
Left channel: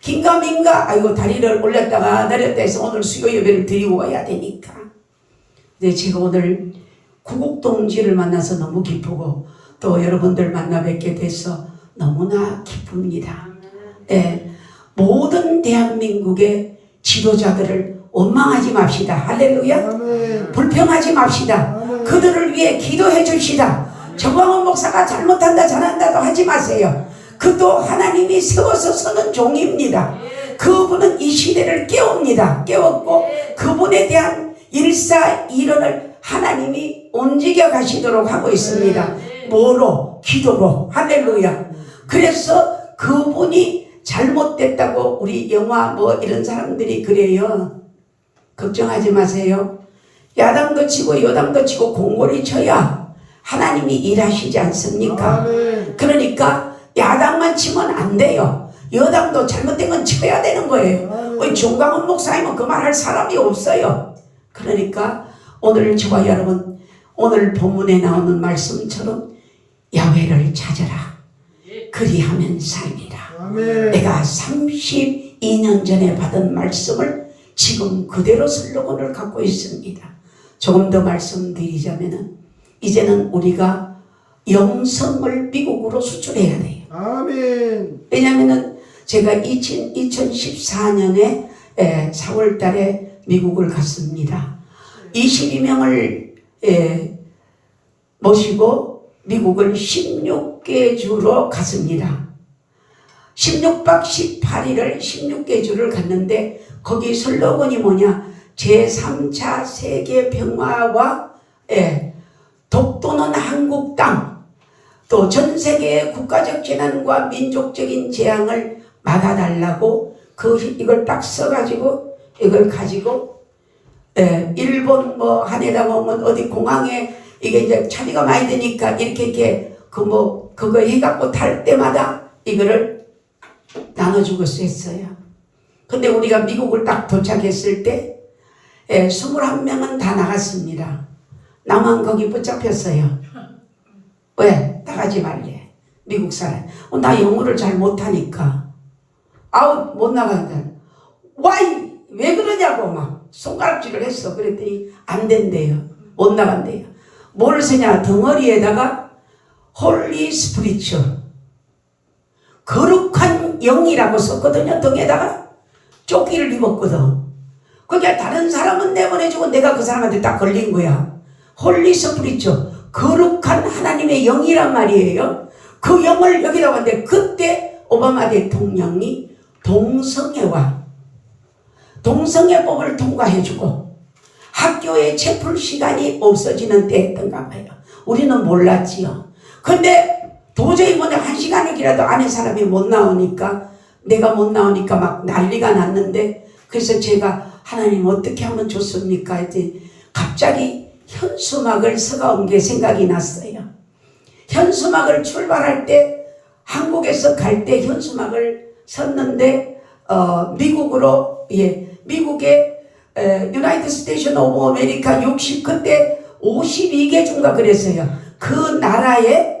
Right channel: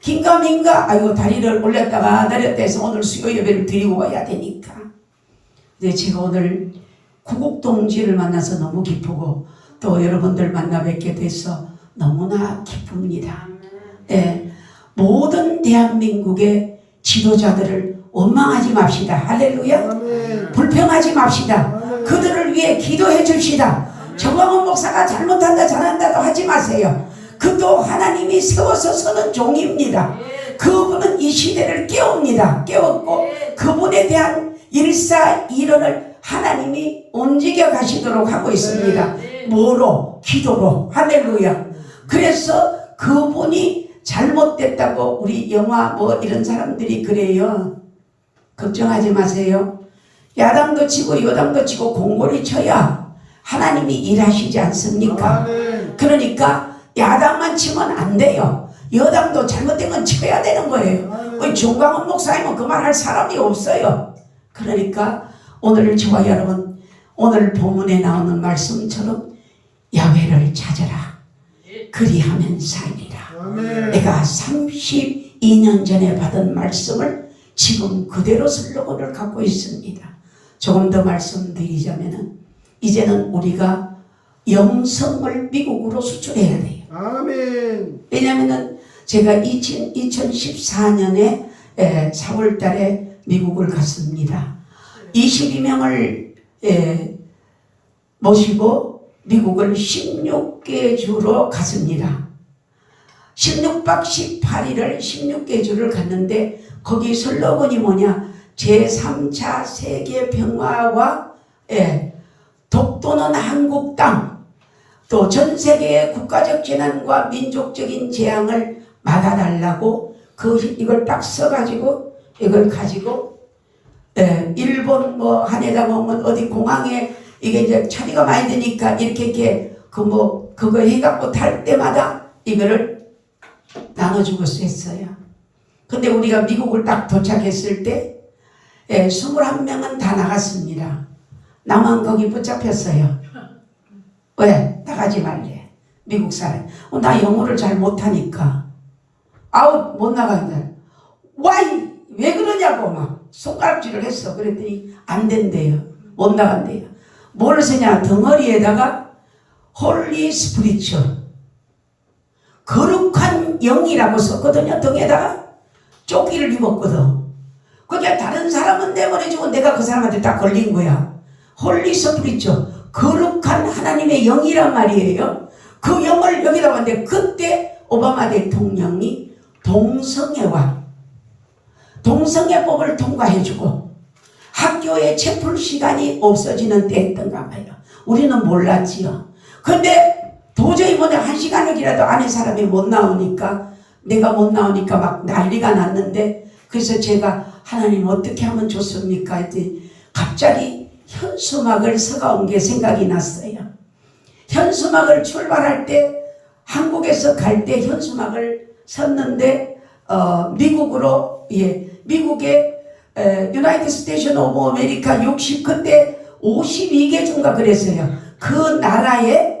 긴가민가 다리를 올렸다가 내렸다 해서 오늘 수요 예배를 드리고 와야 되니까. 근데 제가 오늘 구국동지를 만나서 너무 기쁘고 또 여러분들 만나 뵙게 돼서 너무나 기쁩니다. 모든 대한민국의 지도자들을 원망하지 맙시다. 할렐루야. 아멘. 불평하지 맙시다. 그들을 위해 기도해 줍시다. 정광훈 목사가 잘못한다 잘한다도 하지 마세요. 그도 하나님이 세워서 서는 종입니다. 그분은 이 시대를 깨웁니다. 깨웠고 그분에 대한 일사일언을 하나님이 움직여 가시도록 하고 있습니다. 뭐로? 기도로. 할렐루야. 그래서 그분이 잘못됐다고 우리 영화 이런 사람들이 그래요. 걱정하지 마세요. 야당도 치고 여당도 치고 공고리 쳐야 하나님이 일하시지 않습니까? 아멘. 그러니까 야당만 치면 안 돼요. 여당도 잘못된 건 쳐야 되는 거예요. 우리 정광훈 목사님은 그 말 할 사람이 없어요. 그러니까 오늘 저와 여러분 오늘 본문에 나오는 말씀처럼 야훼를 찾아라. 그리하면 살리라. 아멘. 내가 32년 전에 받은 말씀을 지금 그대로 슬로건을 갖고 있습니다. 조금 더 말씀드리자면은 이제는 우리가 영성을 미국으로 수출해야 돼요. 아멘. 왜냐면은 제가 2014년에 4월 달에 미국을 갔습니다. 22명을 모시고 미국을 16개 주로 갔습니다. 16박 18일을 16개 주를 갔는데 거기 슬로건이 뭐냐? 제3차 세계 평화와 독도는 한국 땅, 또 전 세계의 국가적 재난과 민족적인 재앙을 막아달라고 이걸 딱 써가지고 이걸 가지고 일본 하네다 공원 어디 공항에 이게 이제 차비가 많이 드니까 이렇게 그거 해갖고 탈 때마다 이거를 나눠주고 했어요. 근데 우리가 미국을 딱 도착했을 때 21명은 다 나갔습니다. 나만 거기 붙잡혔어요. 왜? 나가지 말래. 미국 사람. 나 영어를 잘 못하니까. 못 나간다. 왜 그러냐고 막 손가락질을 했어. 그랬더니 안 된대요. 못 나간대요. 뭘 쓰냐? 덩어리에다가 홀리 스피리처 거룩한 영이라고 썼거든요. 등에다가 조끼를 입었거든. 그러니까 다른 사람은 내보내주고 내가 그 사람한테 딱 걸린 거야. 홀리 스피리처 거룩한 하나님의 영이란 말이에요. 그 영을 여기다 왔는데 그때 오바마 대통령이 동성애법을 통과해주고 학교에 채플 시간이 없어지는 때였던가 봐요. 우리는 몰랐지요. 근데 도저히 한 시간이라도 안에 사람이 못 나오니까 내가 못 나오니까 막 난리가 났는데 그래서 제가 하나님 어떻게 하면 좋습니까? 했더니 갑자기 현수막을 서가온 게 생각이 났어요. 현수막을 출발할 때 한국에서 갈 때 현수막을 섰는데 미국으로 미국의 유나이티드 스테이션 오브 아메리카 60 그때 52개 주인가 그랬어요. 그 나라에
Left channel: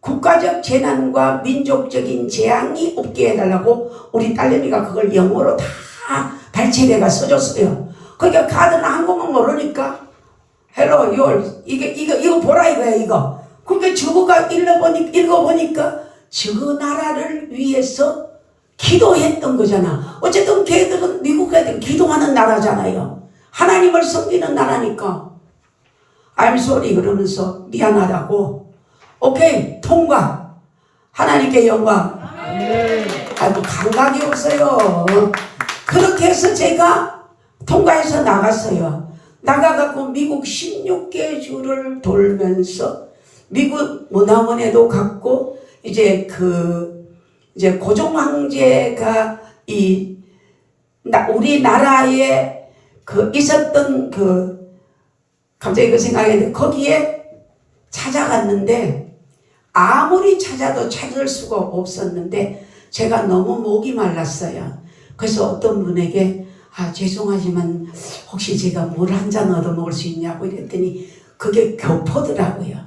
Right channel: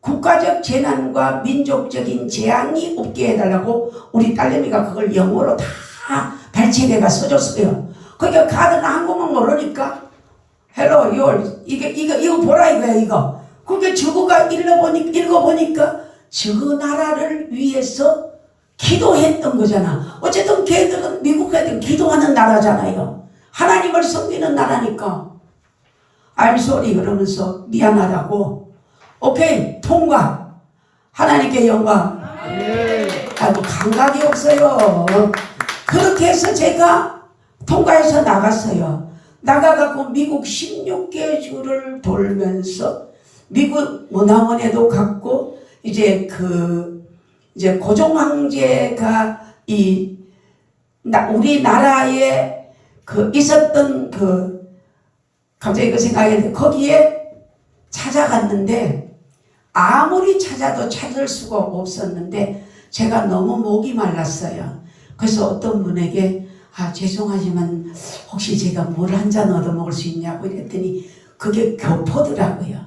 국가적 재난과 민족적인 재앙이 없게 해달라고 우리 딸내미가 그걸 영어로 다 발췌대가 써줬어요. 그러니까 가드는 한국말 모르니까 헬로 이거 보라 이거야 이거. 그게 저거가 읽어보니까 저 나라를 위해서 기도했던 거잖아. 어쨌든 걔들은 미국 애들 기도하는 나라잖아요. 하나님을 섬기는 나라니까. I'm sorry 그러면서 미안하다고. 오케이 통과. 하나님께 영광. 아이고 감각이 없어요. 그렇게 해서 제가 통과해서 나갔어요. 나가갖고 미국 16개 주를 돌면서 미국 문화원에도 갔고 이제 이제 고종 황제가 우리나라에 있었던 갑자기 그 생각했는데 거기에 찾아갔는데 아무리 찾아도 찾을 수가 없었는데 제가 너무 목이 말랐어요. 그래서 어떤 분에게 죄송하지만 혹시 제가 물 한 잔 얻어 먹을 수 있냐고 이랬더니 그게 교포더라고요.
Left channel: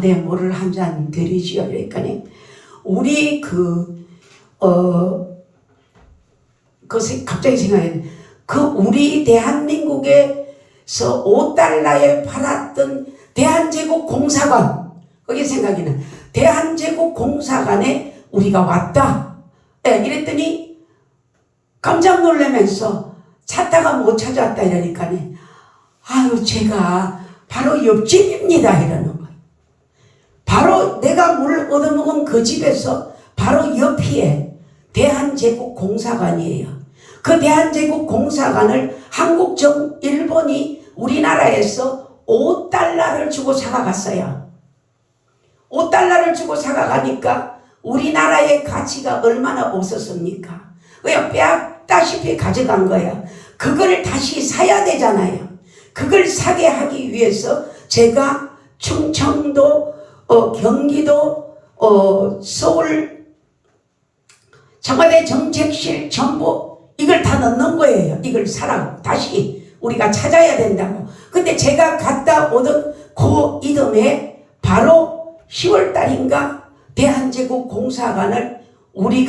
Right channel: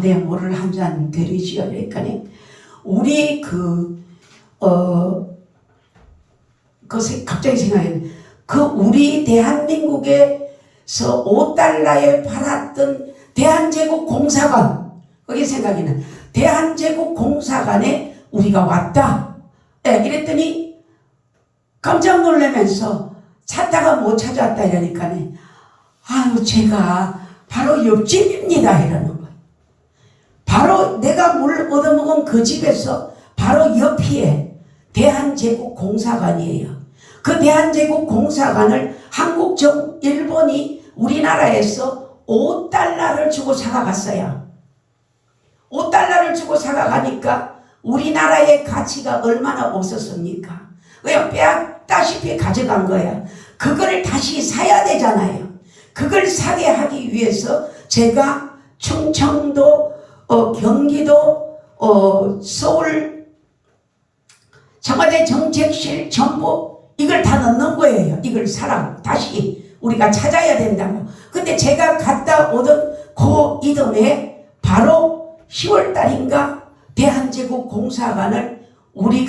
네, 물을 한 잔 드리지요. 그러니까 우리 갑자기 생각했는데 우리 대한민국에서 5달러에 팔았던 대한제국 공사관, 거기 생각이 나. 대한제국 공사관에 우리가 왔다. 이랬더니 깜짝 놀라면서 찾다가 못 찾았다 이러니까 제가 바로 옆집입니다 이러는 거예요. 바로 내가 물 얻어먹은 그 집에서 바로 옆에 대한제국 공사관이에요. 그 대한제국 공사관을 일본이 우리나라에서 5달러를 주고 사가갔어요. 5달러를 주고 사가가니까 우리나라의 가치가 얼마나 없었습니까? 그냥 빼앗다시피 가져간 거야. 그걸 다시 사야 되잖아요. 그걸 사게 하기 위해서 제가 충청도, 경기도, 서울, 청와대 정책실 전부 이걸 다 넣는 거예요. 이걸 사라고 다시 우리가 찾아야 된다고. 근데 제가 갔다 오던 그 이듬해 바로 10월 달인가 대한제국 공사관을 우리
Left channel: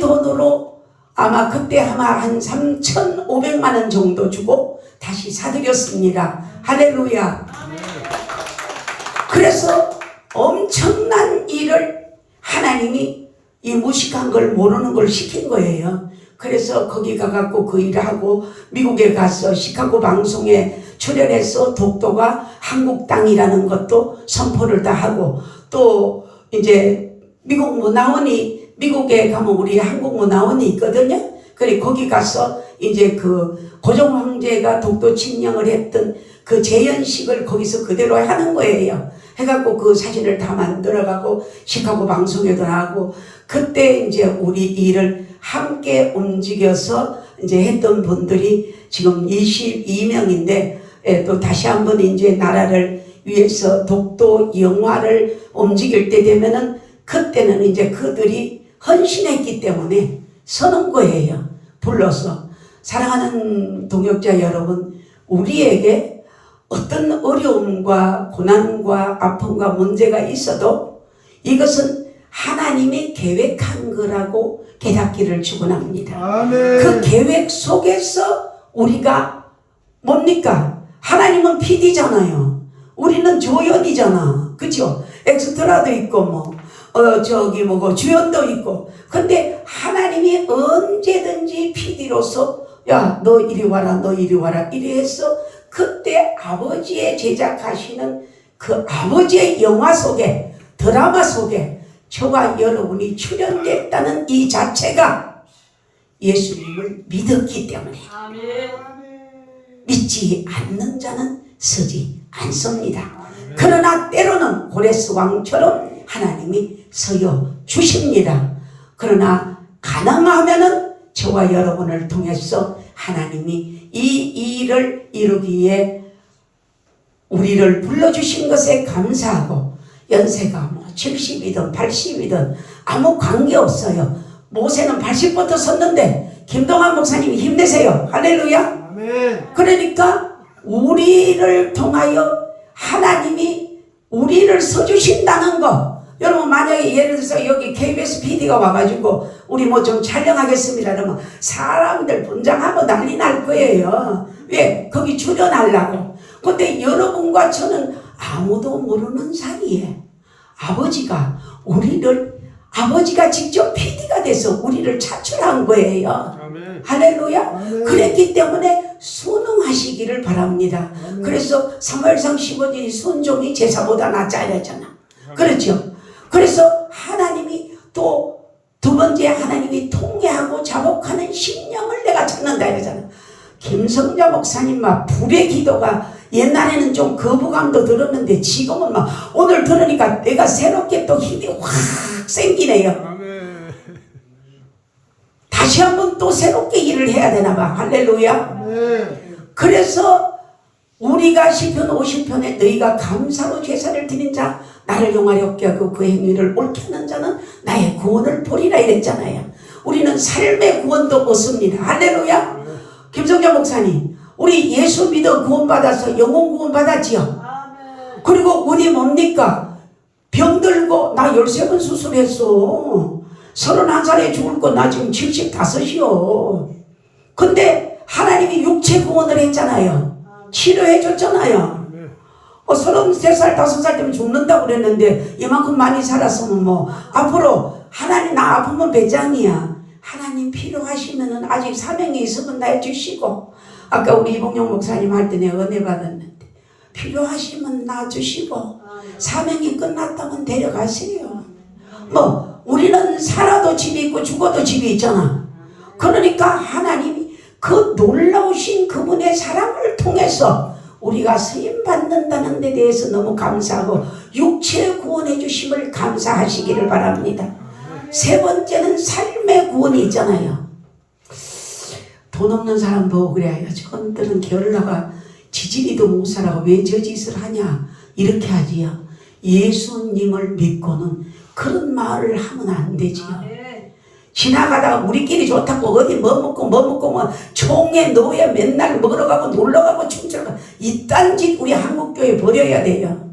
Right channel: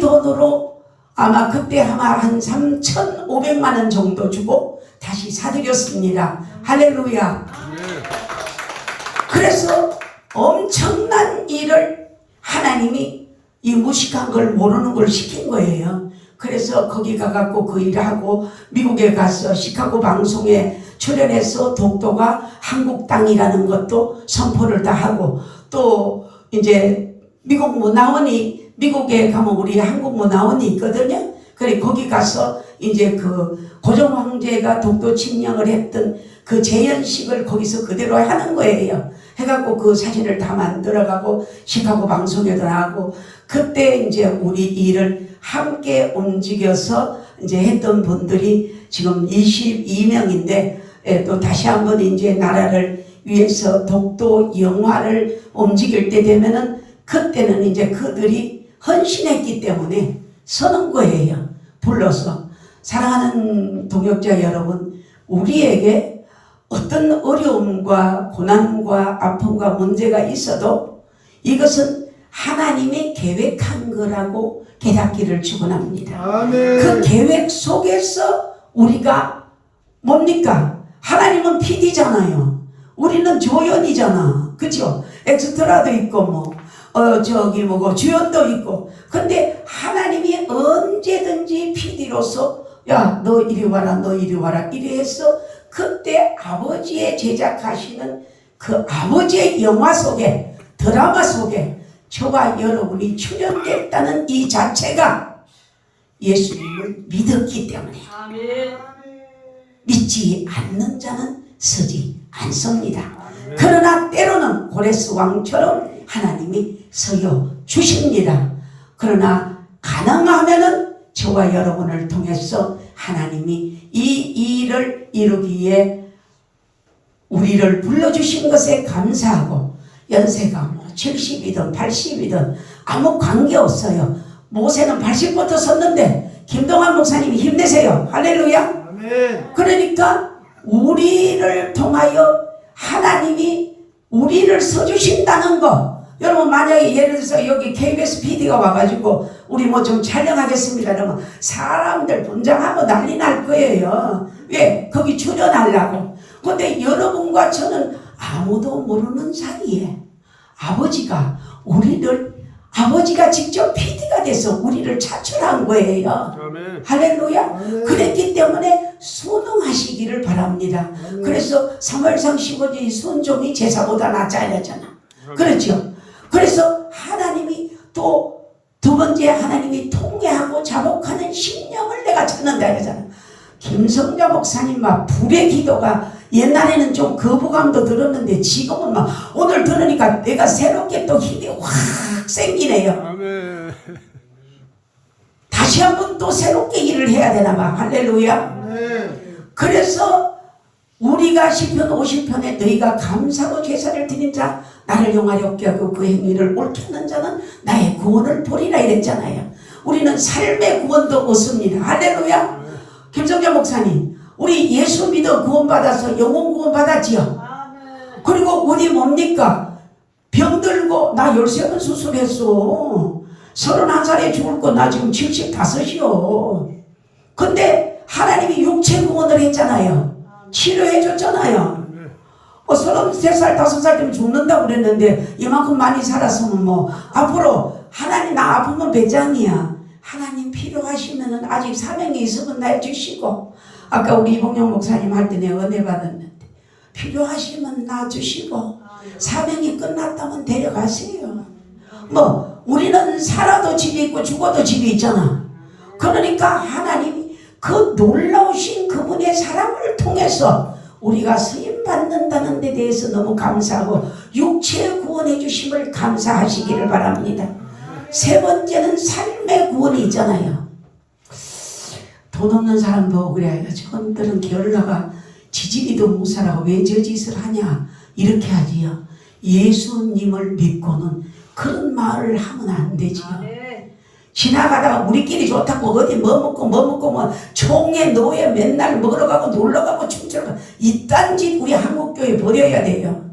돈으로 아마 그때 한 3,500만 원 정도 주고 다시 사드렸습니다. 할렐루야. 그래서 엄청난 일을 하나님이 이 무식한 걸 모르는 걸 시킨 거예요. 그래서 거기 가갖고 그 일을 하고 미국에 가서 시카고 방송에 출연해서 독도가 한국 땅이라는 것도 선포를 다 하고 또 이제 미국 문화원이 미국에 가면 우리 한국 문화원이 있거든요. 그래 거기 가서 이제 고종 황제가 독도 침략을 했던 그 재연식을 거기서 그대로 하는 거예요. 해갖고 그 사진을 다 만들어가고 시카고 방송에도 하고 그때 이제 우리 일을 함께 움직여서 이제 했던 분들이 지금 22명인데 또 다시 한번 이제 나라를 위해서 독도 영화를 움직일 때 되면은 그때는 이제 그들이 헌신했기 때문에 서는 거예요. 불러서. 사랑하는 동역자 여러분, 우리에게 어떤 어려움과 고난과 아픔과 문제가 있어도 이것은 하나님이 계획한 거라고 깨닫기를 축원합니다. 아멘. 그 계획 속에서 우리가 뭡니까? 하나님은 PD잖아요. 우리는 조연이잖아. 그죠? 엑스트라도 있고 주연도 있고. 근데 하나님이 언제든지 PD로서 야, 너 이리 와라, 너 이리 와라 이래 해서 그때 아버지의 제작하시는 그 아버지의 영화 속에 드라마 속에 저와 여러분이 출연됐다는 이 자체가 예수님을 믿었기 때문에 믿지 않는 자는 서지 않습니다. 그러나 때로는 고레스 왕처럼 하나님이 서여 주십니다. 그러나 가능하면은 저와 여러분을 통해서 하나님이 이 일을 이루기에 우리를 불러주신 것에 감사하고 연세가 70이든 80이든 아무 관계없어요. 모세는 80부터 섰는데 김동환 목사님이 힘내세요. 할렐루야. 아멘. 그러니까 우리를 통하여 하나님이 우리를 써주신다는 거. 여러분 만약에 예를 들어서 여기 KBS PD가 와가지고 우리 좀 촬영하겠습니다 그러면 사람들 분장하고 난리 날 거예요. 왜? 거기 출연하려고. 근데 여러분과 저는 아무도 모르는 사이에 아버지가 직접 PD가 돼서 우리를 차출한 거예요. 아멘. 할렐루야. 아멘. 그랬기 때문에 순응하시기를 바랍니다. 아멘. 그래서 사무엘상 15절 순종이 제사보다 낫자잖아. 그렇죠. 그래서 하나님이 또 두 번째 하나님이 통회하고 자복하는 심령을 내가 찾는다 이러잖아. 김성자 목사님 막 불의 기도가 옛날에는 좀 거부감도 들었는데 지금은 막 오늘 들으니까 내가 새롭게 또 힘이 확 생기네요. 아멘. 다시 한번 또 새롭게 일을 해야 되나 봐. 할렐루야. 아멘. 그래서 우리가 시편 50편에 너희가 감사로 제사를 드린 자 나를 영화롭게 하고 그 행위를 옳게 하는 자는 나의 구원을 보리라 이랬잖아요. 우리는 삶의 구원도 얻습니다. 할렐루야. 김성자 목사님, 우리 예수 믿어 구원받아서 영혼 구원받았지요. 그리고 우리 뭡니까? 병들고 나 13번 수술했어. 31살에 죽을 거 나 지금 75이요. 근데 하나님이 육체 구원을 했잖아요. 치료해 줬잖아요. 33살 5살 때면 죽는다고 그랬는데 이만큼 많이 살았으면 뭐 앞으로 하나님 나 아프면 배짱이야. 하나님 필요하시면은 아직 사명이 있으면 나 주시고, 아까 우리 이봉영 목사님 할 때 내가 은혜 받았는데 필요하시면 나 주시고 사명이 끝났다면 데려가세요. 뭐 우리는 살아도 집이 있고 죽어도 집이 있잖아. 그러니까 하나님이 그 놀라우신 그분의 사랑을 통해서 우리가 쓰임 받는다는 데 대해서 너무 감사하고 육체 구원해 주심을 감사하시기를 바랍니다. 세 번째는 삶의 구원이 있잖아요. 돈 없는 사람 보고 그래요. 저들은 게을러가 지지리도 못 살아고 왜 저 짓을 하냐 이렇게 하지요. 예수님을 믿고는 그런 말을 하면 안 되지요. 지나가다가 우리끼리 좋다고 어디 뭐 먹고 뭐 총회 노예 맨날 먹으러 가고 놀러 가고 춤추러 가고 이딴 짓 우리 한국교회 버려야 돼요.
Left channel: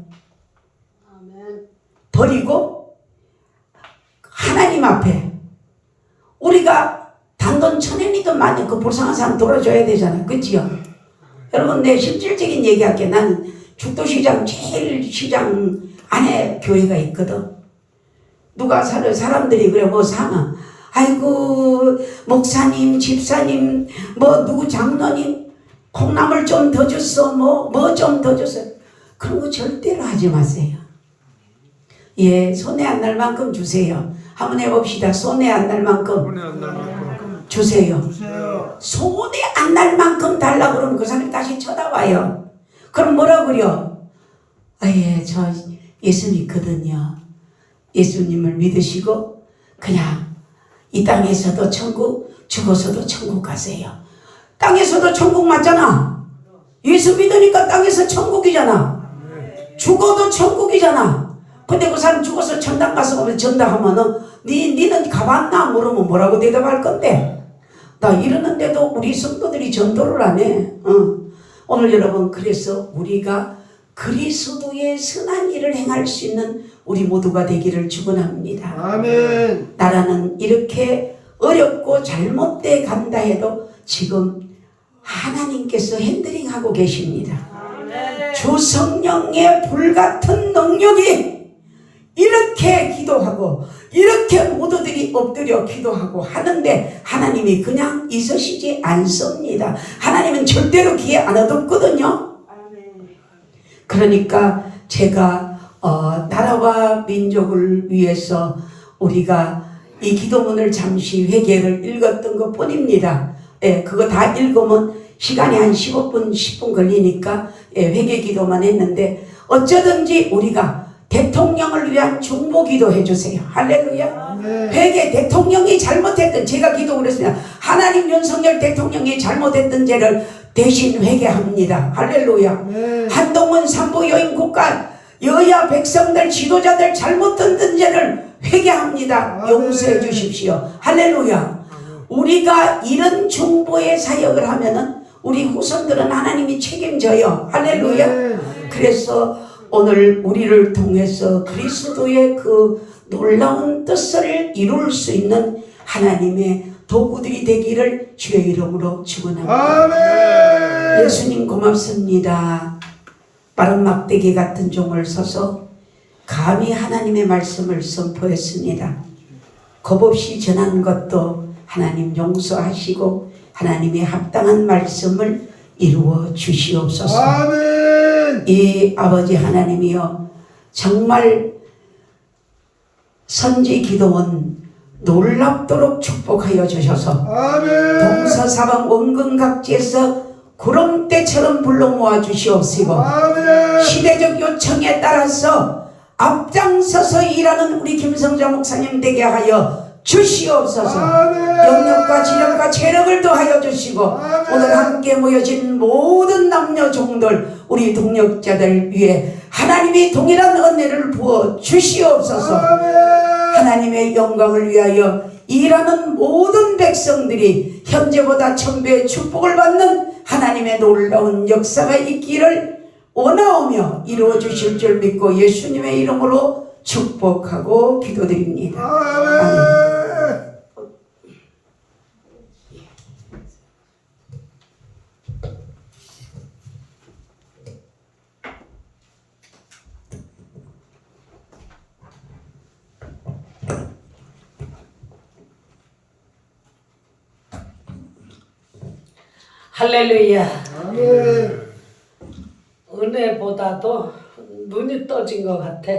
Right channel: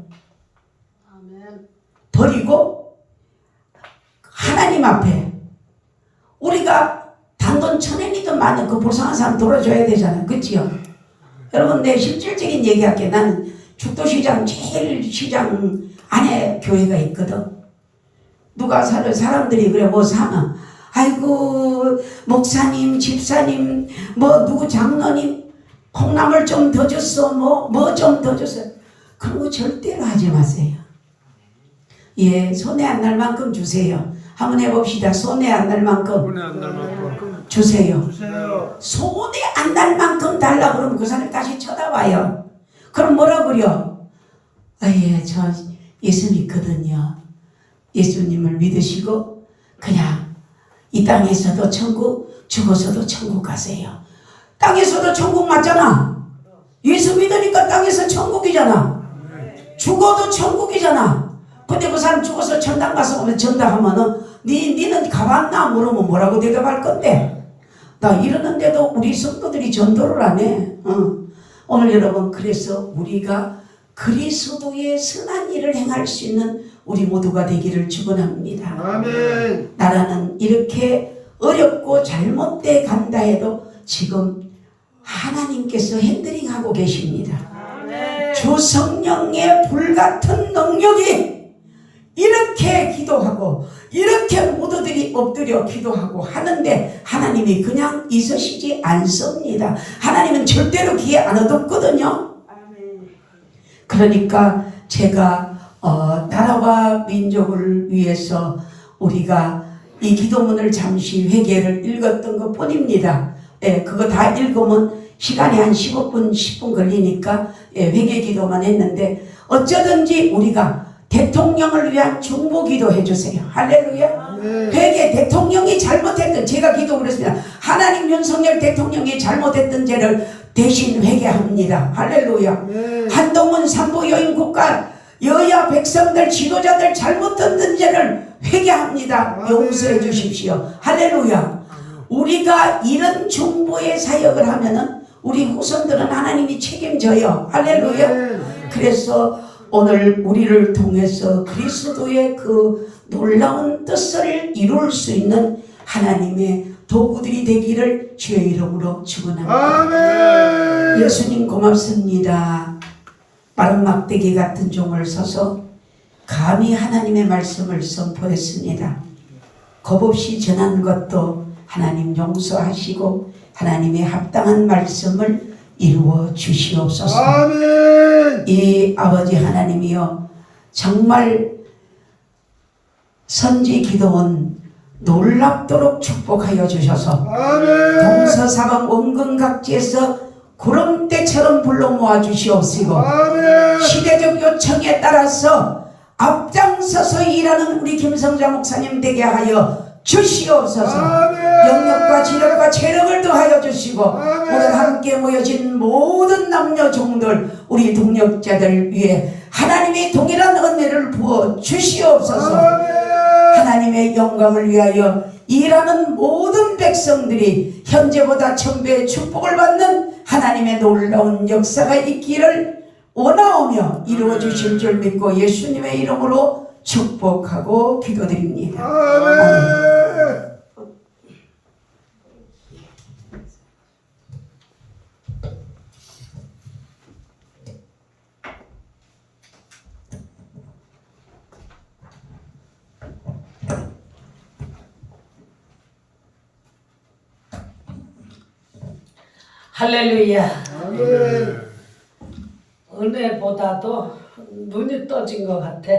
버리고 하나님 앞에 우리가 단돈 1,000원이든 많이 그 불쌍한 사람 돌아줘야 되잖아요. 그치요? 여러분 내 실질적인 얘기할게. 나는 죽도시장 제일 시장 안에 교회가 있거든. 누가 사람들이 그래 뭐 사면 아이고 목사님 집사님 뭐 누구 장로님 콩나물 좀 더 줬어 뭐 좀 더 줬어. 그런 거 절대로 하지 마세요. 예, 손에 안 날 만큼 주세요. 한번 해봅시다. 손에 안 날 만큼 손에 안 날 만큼 주세요. 주세요. 손에 안 날 만큼 달라 그러면 그 사람 다시 쳐다봐요. 그럼 뭐라 그려? 예, 저 예수 믿거든요. 예수님을 믿으시고 그냥 이 땅에서도 천국, 죽어서도 천국 가세요. 땅에서도 천국 맞잖아. 예수 믿으니까 땅에서 천국이잖아. 죽어도 천국이잖아. 근데 그 사람 죽어서 천당 가서 오면 전당하면은 니는 가봤나 물으면 뭐라고 대답할 건데? 나 이러는데도 우리 성도들이 전도를 안 해. 오늘 여러분 그래서 우리가 그리스도의 선한 일을 행할 수 있는 우리 모두가 되기를 축원합니다. 아멘. 나라는 이렇게 어렵고 잘못돼 간다 해도 지금 하나님께서 핸들링하고 계십니다. 주 성령의 불같은 능력이 이렇게 기도하고 이렇게 모두들이 엎드려 기도하고 하는데 하나님이 그냥 있으시지 않습니다. 하나님은 절대로 귀에 안 얻었거든요. 그러니까 제가 나라와 민족을 위해서 우리가 이 기도문을 잠시 회개를 읽었던 것 뿐입니다. 예, 그거 다 읽으면 시간이 한 15분 10분 걸리니까 회개 기도만 했는데 어쩌든지 우리가 대통령을 위한 중보 기도 해주세요. 할렐루야. 회개 대통령이 잘못했던 제가 기도 그랬습니다. 하나님 윤석열 대통령이 잘못했던 죄를 대신 회개합니다. 할렐루야. 한동훈 삼부 여인 국가 여야 백성들 지도자들 잘못했던 죄를 회개합니다. 용서해 주십시오. 할렐루야. 우리가 이런 중보의 사역을 하면은 우리 후손들은 하나님이 책임져요. 할렐루야. 그래서 오늘 우리를 통해서 그리스도의 그 놀라운 뜻을 이룰 수 있는 하나님의 도구들이 되기를 주의 이름으로 축원합니다. 아멘. 예수님 고맙습니다. 마른 막대기 같은 종을 서서 감히 하나님의 말씀을 선포했습니다. 겁없이 전한 것도 하나님 용서하시고 하나님의 합당한 말씀을 이루어 주시옵소서. 아멘. 이 아버지 하나님이여 정말 선지 기도원 놀랍도록 축복하여 주셔서 아멘. 동서사방 원근각지에서 구름대처럼 불러 모아 주시옵시고 아멘. 시대적 요청에 따라서 앞장서서 일하는 우리 김성자 목사님 되게 하여 주시옵소서. 영역과 지력과 체력을 더하여 주시고 오늘 함께 모여진 모든 남녀 종들 우리 동역자들 위해 하나님이 동일한 은혜를 부어 주시옵소서. 하나님의 영광을 위하여 일하는 모든 백성들이 현재보다 천배의 축복을 받는 하나님의 놀라운 역사가 있기를 원하오며 이루어 주실 줄 믿고 예수님의 이름으로 축복하고 기도드립니다. 아멘. 할렐루야. 아멘. 은혜보다도 눈이 떠진 것 같아.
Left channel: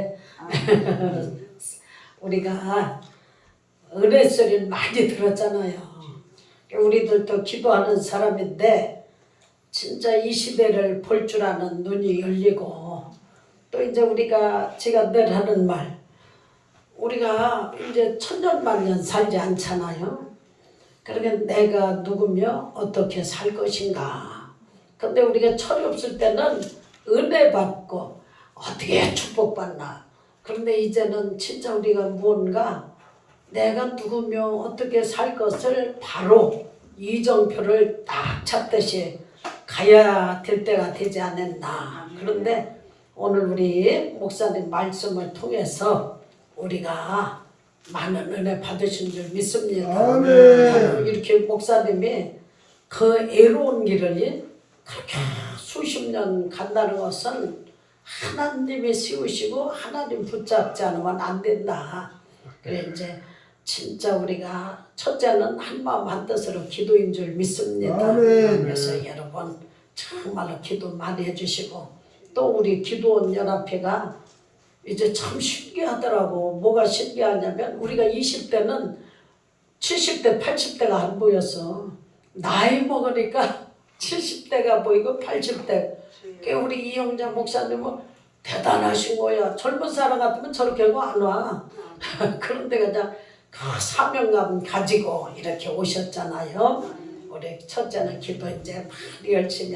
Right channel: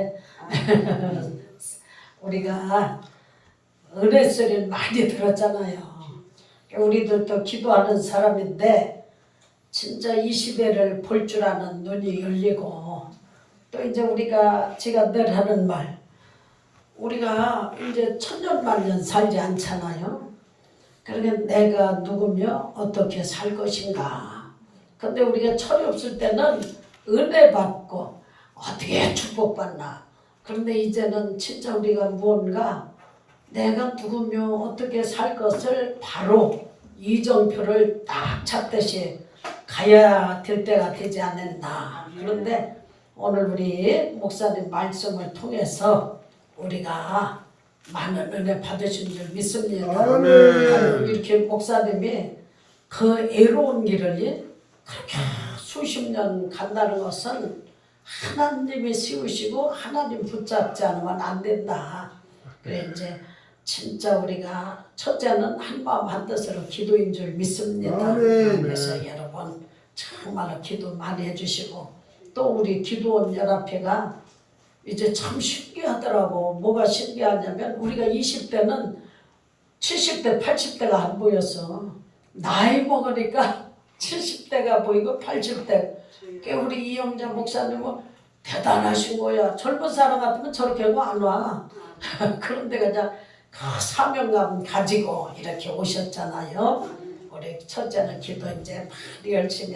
우리가 은혜 소리를 많이 들었잖아요. 우리도 또 기도하는 사람인데 진짜 이 시대를 볼 줄 아는 눈이 열리고 또 이제 우리가 제가 늘 하는 말 우리가 이제 천년만년 살지 않잖아요. 그러니까 내가 누구며 어떻게 살 것인가. 근데 우리가 철이 없을 때는 은혜 받고 어떻게 축복받나. 그런데 이제는 진짜 우리가 무언가 내가 누구며 어떻게 살 것을 바로 이정표를 딱 찾듯이 가야 될 때가 되지 않았나. 그런데 오늘 우리 목사님 말씀을 통해서 우리가 많은 은혜 받으신 줄 믿습니다. 아멘. 이렇게 목사님이 그 애로운 길을 그렇게 수십 년 간다는 것은 하나님이 세우시고 하나님 붙잡지 않으면 안 된다. 그래 이제 진짜 우리가 첫째는 한마음 한뜻으로 기도인 줄 믿습니다. 아멘. 그래서 여러분 정말로 기도 많이 해주시고 또 우리 기도원 연합회가 이제 참 신기하더라고. 뭐가 신기하냐면 우리가 20대는 70대 80대가 안 보였어. 나이 먹으니까 70대가 보이고 80대. 우리 이영자 목사님은 대단하신 거야. 젊은 사람 같으면 저렇게 하고 안 와. 그런데 그냥 그 사명감 가지고 이렇게 오셨잖아요. 우리 첫째는 기도 이제 많이 열심히